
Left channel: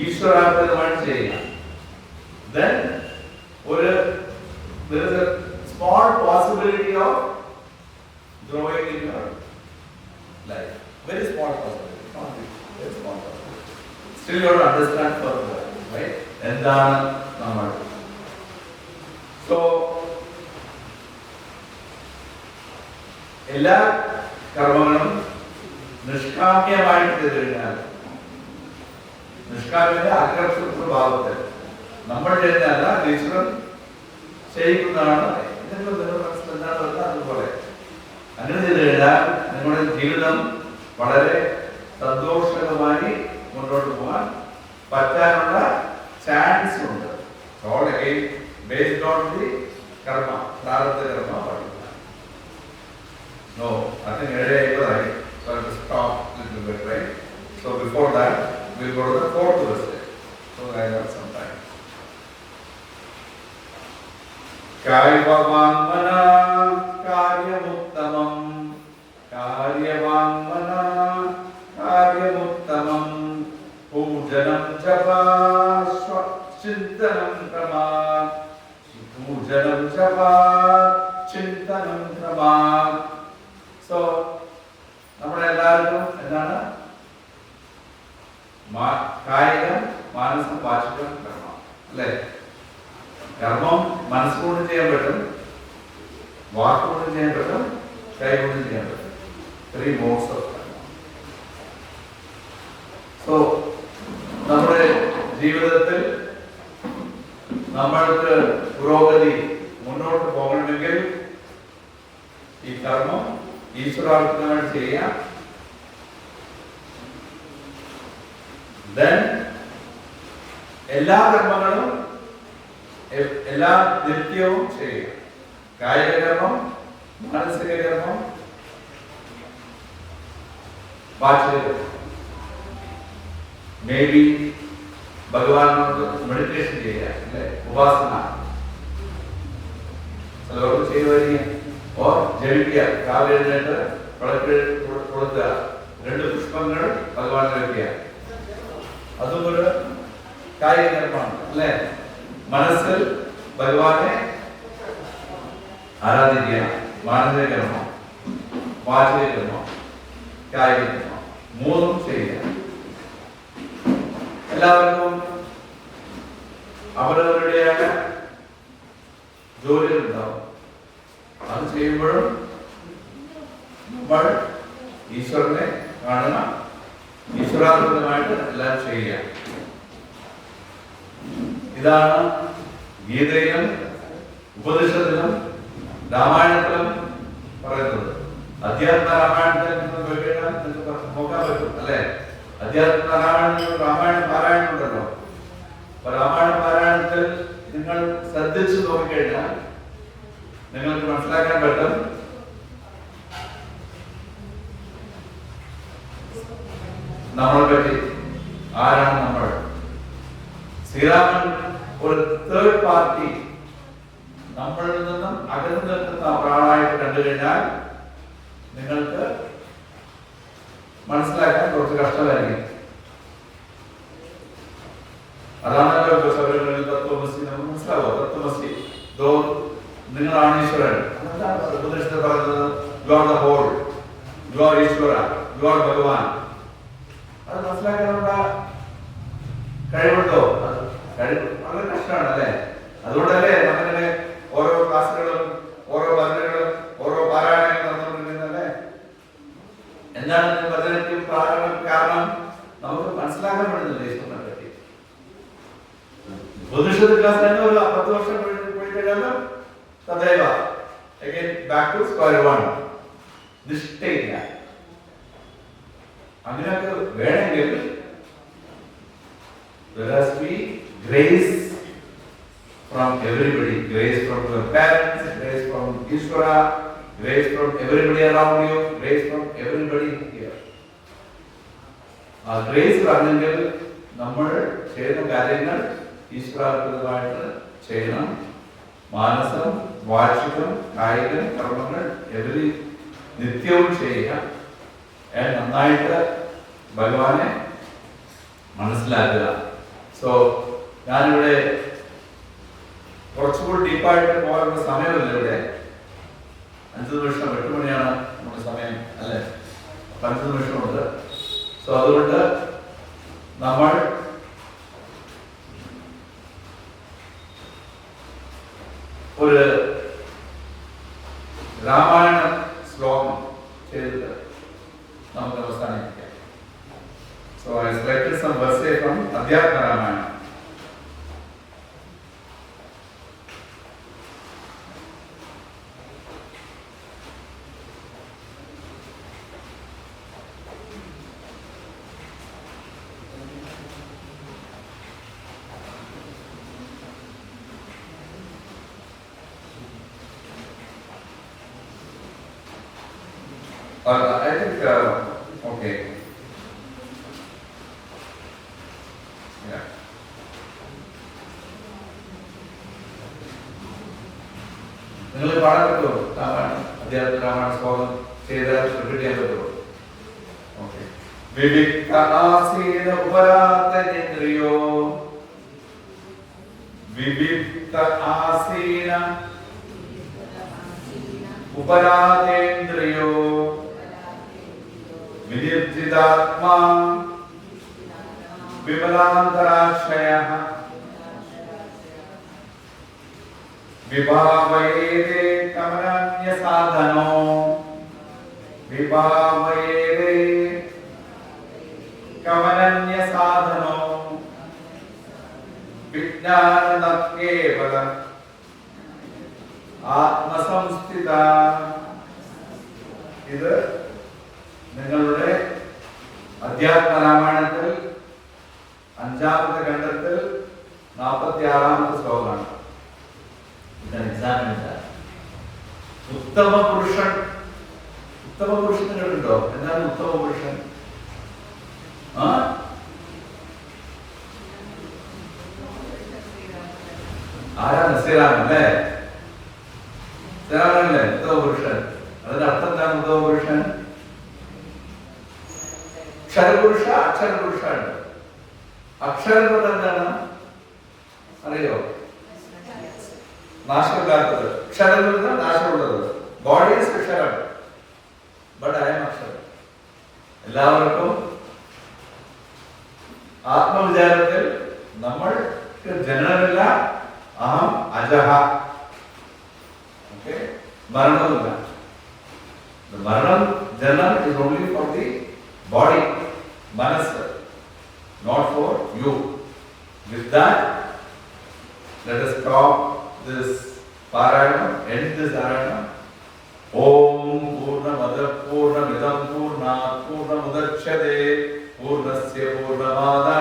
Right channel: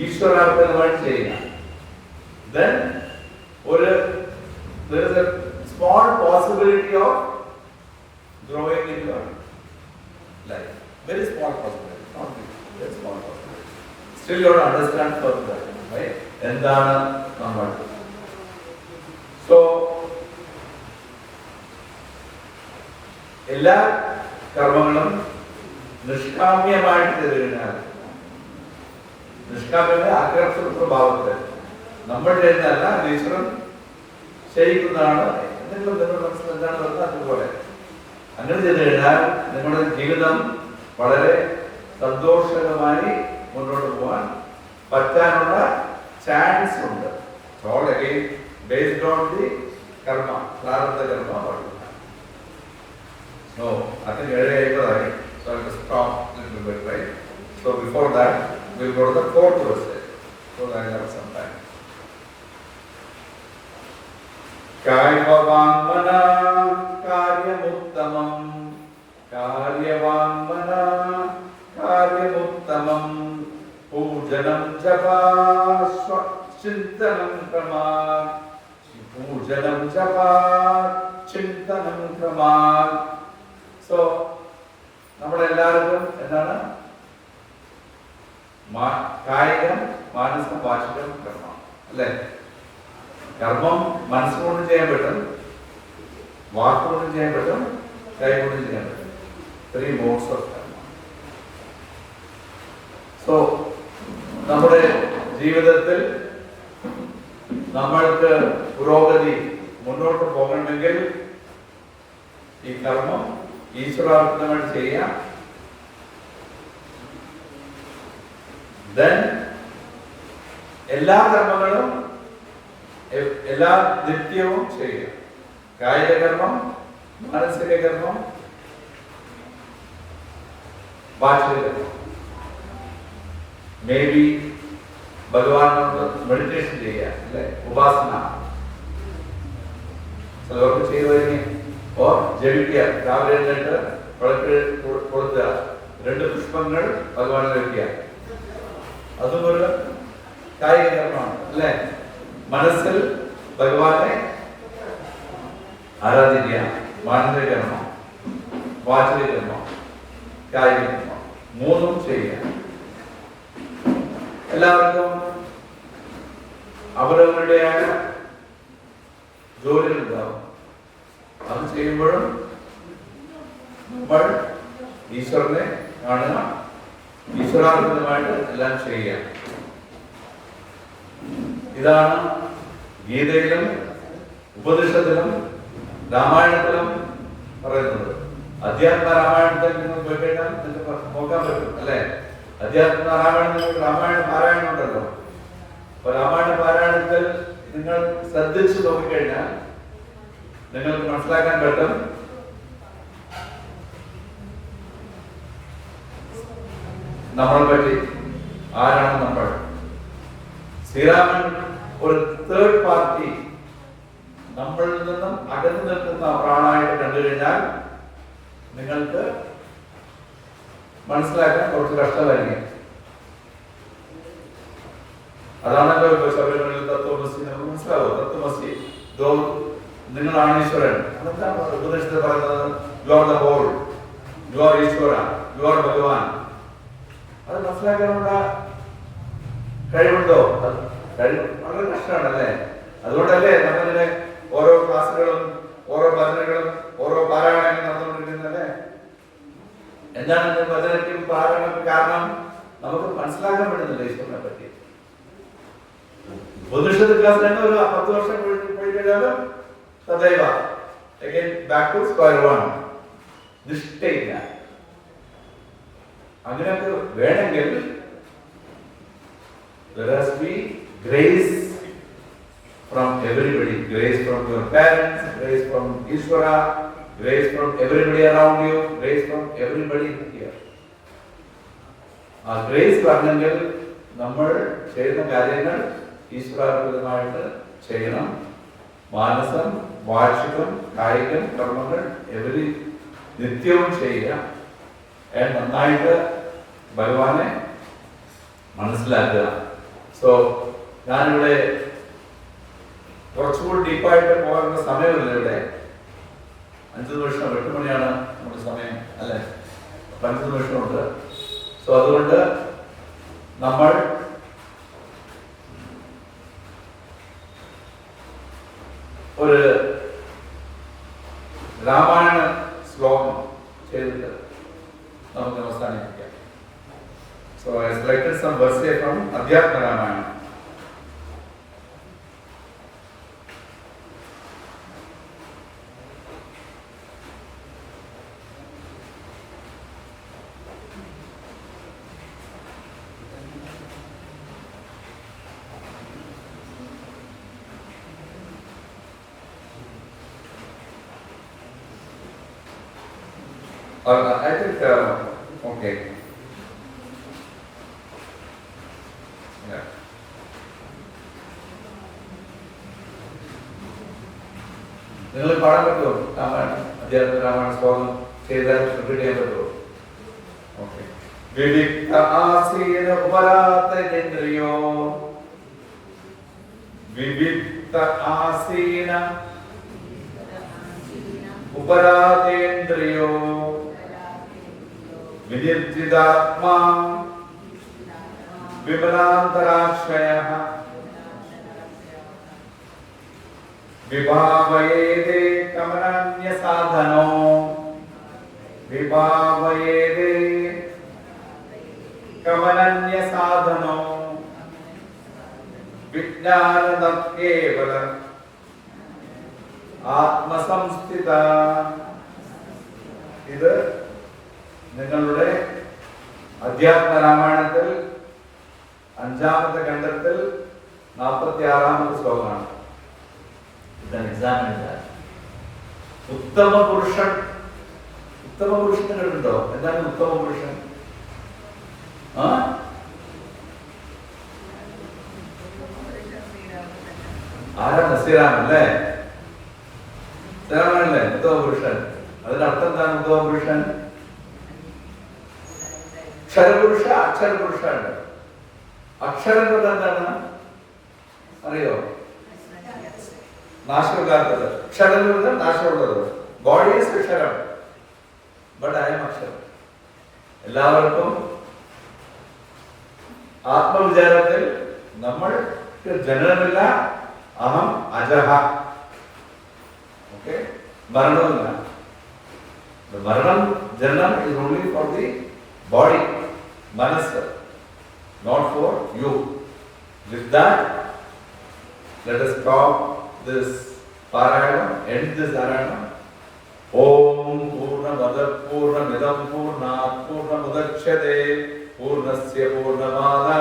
ഈശ്വരാർപ്പിതമായിട്ട് ചെയ്യുക. Then there is a small possibility of growing in your life. Very small possibility, not big, very small possibility. Still you have to understand further, right? എന്താണ് നമ്മൾ? So എല്ലാ കർമ്മങ്ങളും നിഷ്കാമ്യമായിട്ട് ചെയ്താൽ, നിഷ്കാമ്യത ആകർഷക ഭാവത്തിൽ നമ്മൾ ചെയ്യുന്നതല്ല, ഈശ്വരൻ ചെയ്യിക്കുന്നതാണ്. നിങ്ങളുടെ മനസ്സിൽ എന്താണ് അതുപോലെ അങ്ങനെ ചെയ്തു കഴിഞ്ഞാൽ നിങ്ങളുടെ ജീവിതം വളരെ സന്തോഷകരമായി മുന്നോട്ട് പോകാൻ പറ്റാനുള്ള ചാൻസ് ഉണ്ട്. All again based on the കർമ്മ പ്രാരബ്ധ കർമ്മ പാടില്ല. No, I think 7:50. So I have to stop a little bit, right? So before that, we'll go to the fourth verse. So I have some time. Karyavangmana karyamuttamam karyavangmana karyamuttamam pujanam japa chintanam krama pujanam japa chintanam krama. So നമ്മളെല്ലാവരും എന്താണ് കായികം മാനസം വാചികം കർമ്മം അല്ലേ? കർമ്മം മനസ്സുകൊണ്ടും ചെയ്യാൻ പറ്റും, വാക്കുകൊണ്ടും ചെയ്യാൻ പറ്റും, കൈ കൊണ്ടും ചെയ്യാൻ പറ്റും. 3 modes of കർമ്മ. സോ നമ്മുടെ ജീവിതത്തിൽ നമ്മൾക്ക് പുരോഗതി മുന്നോട്ട് പോകണമെങ്കിൽ ഈ കർമ്മം ഈശ്വരാർപ്പണമായിട്ട് ചെയ്യാം. Then എല്ലാ കർമ്മങ്ങളും എല്ലാ നിത്യവും ചെയ്യുക. കായിക കർമ്മം, മാനസിക കർമ്മം, വാചിക കർമ്മം. മേ ബി ഭഗവാനോട് മെഡിറ്റേഷൻ ചെയ്യുക, അല്ലെ? ഉപാസന ചിലവർക്ക് ചെയ്യുവാൻ ജപിക്കുക. രാവിലെ എഴുന്നേറ്റ് വിളക്ക് കൊടുക്കുക, 2 പുഷ്പങ്ങൾ ഭഗവാൻ കഴിക്കുക. അതും ഒരു കായിക കർമ്മമാണ്, അല്ലെ? മനസ്സിൽ ഭഗവാനെ ആരാധിക്കുക. മാനസിക കർമ്മം, വാചിക കർമ്മം, കായിക കർമ്മം 3 ചെയ്യുക. എല്ലാവർക്കും അവരവരുടേതായ ജോലികൾ ഉണ്ടാവും. അത് ചെയ്യുമ്പോഴും നമ്മൾ ഈശ്വരനെ കാണുക, ഈശ്വരാർപ്പിതമായിട്ട് എല്ലാം ചെയ്യുക. ഇതാണ് ഗീതയിലും ഉപനിഷത്തിലും രാമായണത്തിലും പറയുന്നത്. അധ്യാത്മ രാമായണത്തിൽ നിങ്ങൾ പോയി കഴിഞ്ഞാൽ നിങ്ങൾക്ക് നോക്കാൻ പറ്റും, അല്ലെ? അധ്യാത്മ രാമായണ പാരായണം ഉണ്ടല്ലോ. അപ്പൊ രാമായണ പാരായണത്തിൽ നിങ്ങൾ ശ്രദ്ധിച്ചു നോക്കിക്കഴിഞ്ഞാൽ നിങ്ങൾക്ക് മനസ്സിലാക്കാൻ പറ്റും നമ്മളെ പറ്റി. ആരാണ് നമ്മൾ? ശ്രീരാമൻ ഒരു തേർഡ് പാർട്ടി, നമ്മളിൽ നിന്നും അകന്നു നിൽക്കുന്ന ഒരാളായിട്ട് കണ്ടു കഴിഞ്ഞാൽ നിങ്ങൾക്ക് മനസ്സിലാക്കാൻ കുറച്ച് കഷ്ടമായിരിക്കും. അതാണല്ലോ ഇപ്പൊ ശബരിമലയിൽ തത്വമസി നമുക്ക് മനസ്സിലാവോ? തത്വമസി നിങ്ങളാണ് ഈശ്വരൻ. ഉപദേശത്തിൽ പറയുന്നത് you are the whole, you are Ishwara, you are Bhagavan. അത് മനസ്സിലാക്കാനുള്ള കഴിവുണ്ടോ? വളരെ കഷ്ടമാണ്, അല്ലേ? അതുകൊണ്ടല്ലേ നമ്മളിങ്ങനെ ഓരോ ക്ലാസ്സുകളും ഓരോ ഭജനകളും ഓരോ പാരായണങ്ങളും നടന്നുകൊണ്ടിരിക്കുന്നല്ലേ? എന്താണ് ഭജനയ്ക്കും പാരായണക്കും കാരണം? നമുക്ക് മനസ്സിലാക്കാൻ പറ്റുന്നില്ല ഈശ്വരനെ പറ്റി. ഉപനിഷത്ത് ക്ലാസ് തന്നെ ഒരു 10 വർഷം പോയി കഴിഞ്ഞാലും തദൈവ again back to square one. നിഷ്ഠയില്ല. അങ്ങനെയൊക്കെ വേണമെങ്കിൽ there has to be grace from everybody. Grace from your parents, grace from Ishvara, grace from everybody around you, grace from everybody here. ആ ഗ്രേസ് വരണമെങ്കിൽ നമ്മൾ ചെയ്യുന്ന കാര്യങ്ങൾ ഈശ്വരാർപ്പിതമായിട്ട് ചെയ്യണം. മാനസം, വാചികം, കായികം കർമ്മങ്ങൾ നിത്യവും ചെയ്യുക. നന്നായിട്ട് ഭഗവാനെ മനസ്സിലാക്കുക. സോ ഞാനിവിടെ കുറച്ചുകൂടി ഡീപ്പായിട്ട് പോകാനുള്ള സമയമില്ല. ഇവിടെ 5 നിമിഷം, 8 മണിയാണ് നമ്മുടെ സമയം, അല്ലെ? 5 നിമിഷമുണ്ട്. സോ അതുകൊണ്ട് നമ്മൾ ഒരു രാമായണ ശ്ലോകം ചെയ്തിട്ട് നമുക്ക് അവസാനിപ്പിക്കാം. So I selected some verses from Adhyatma Ramayana. I think, okay. Yeah. നിങ്ങൾ പാടാൻ പറ്റുമോ? രാമായണം അദ്ദേഹത്തിന് രാമായണ സ്വാഗതം ചെയ്താൽ റിപ്പീറ്റ് ചെയ്യാൻ പറ്റുമോ? ഓക്കെ. വിവിക്ത ആസീന ഉപരാതേന്ദ്രിയോ വിവിക്ത ആസീന ഉപരാതേന്ദ്രിയോ വിനിർജിതാത്മാ വിമലാന്തരാശ്രയഃ വിഭാവയേതേ കമനന്യ സാധനോ വിഭാവയേതേ കമനന്യ സാധനോ വിജ്ഞാനതത്യേവ ആത്മസംസ്ഥിത. ഇത് നിങ്ങളുടെ അധ്യാത്മരാമായണത്തിൽ 5ാമത്തെ ഖണ്ഡത്തിൽ 46ാമത്തെ ശ്ലോകമാണ്. ഉത്തമ പുരുഷൻ. ഉത്തമ പുരുഷൻ കണ്ടുണ്ടോ? എന്താണ് ഉത്തമ പുരുഷൻ? ആരാണ്? ശ്രീരാമൻ അല്ലേ? ശ്രീരാമനല്ലേ ഉത്തമ പുരുഷൻ? അതിന്റെ അർത്ഥം എന്താണ്? ഉത്തമ പുരുഷൻ ക്ഷരപുരുഷ അക്ഷരപുരുഷാണ്. അക്ഷരം കൊണ്ട് എന്താണ് അറിയോ? നാശമില്ലാത്തത്. ക്ഷരമുള്ളത് നാശമുള്ളത്. ബോഡി ഈസ് ക്ഷരം, ബട്ട് ഐ എം അക്ഷരം. എല്ലാവർക്കും ആത്മവിചാരത്തിൽ നമ്മൾ ജനനമില്ല. അഹം അജഹ. ഓക്കെ. മരണമില്ല. മരണം, ജനനം is only for the body, മനസ്സ്, not for you. With that, let us stop this parayana, end this parayana. Om Purnamada Purnamidam Purnat Purnamudachyate Purnasya Purnamada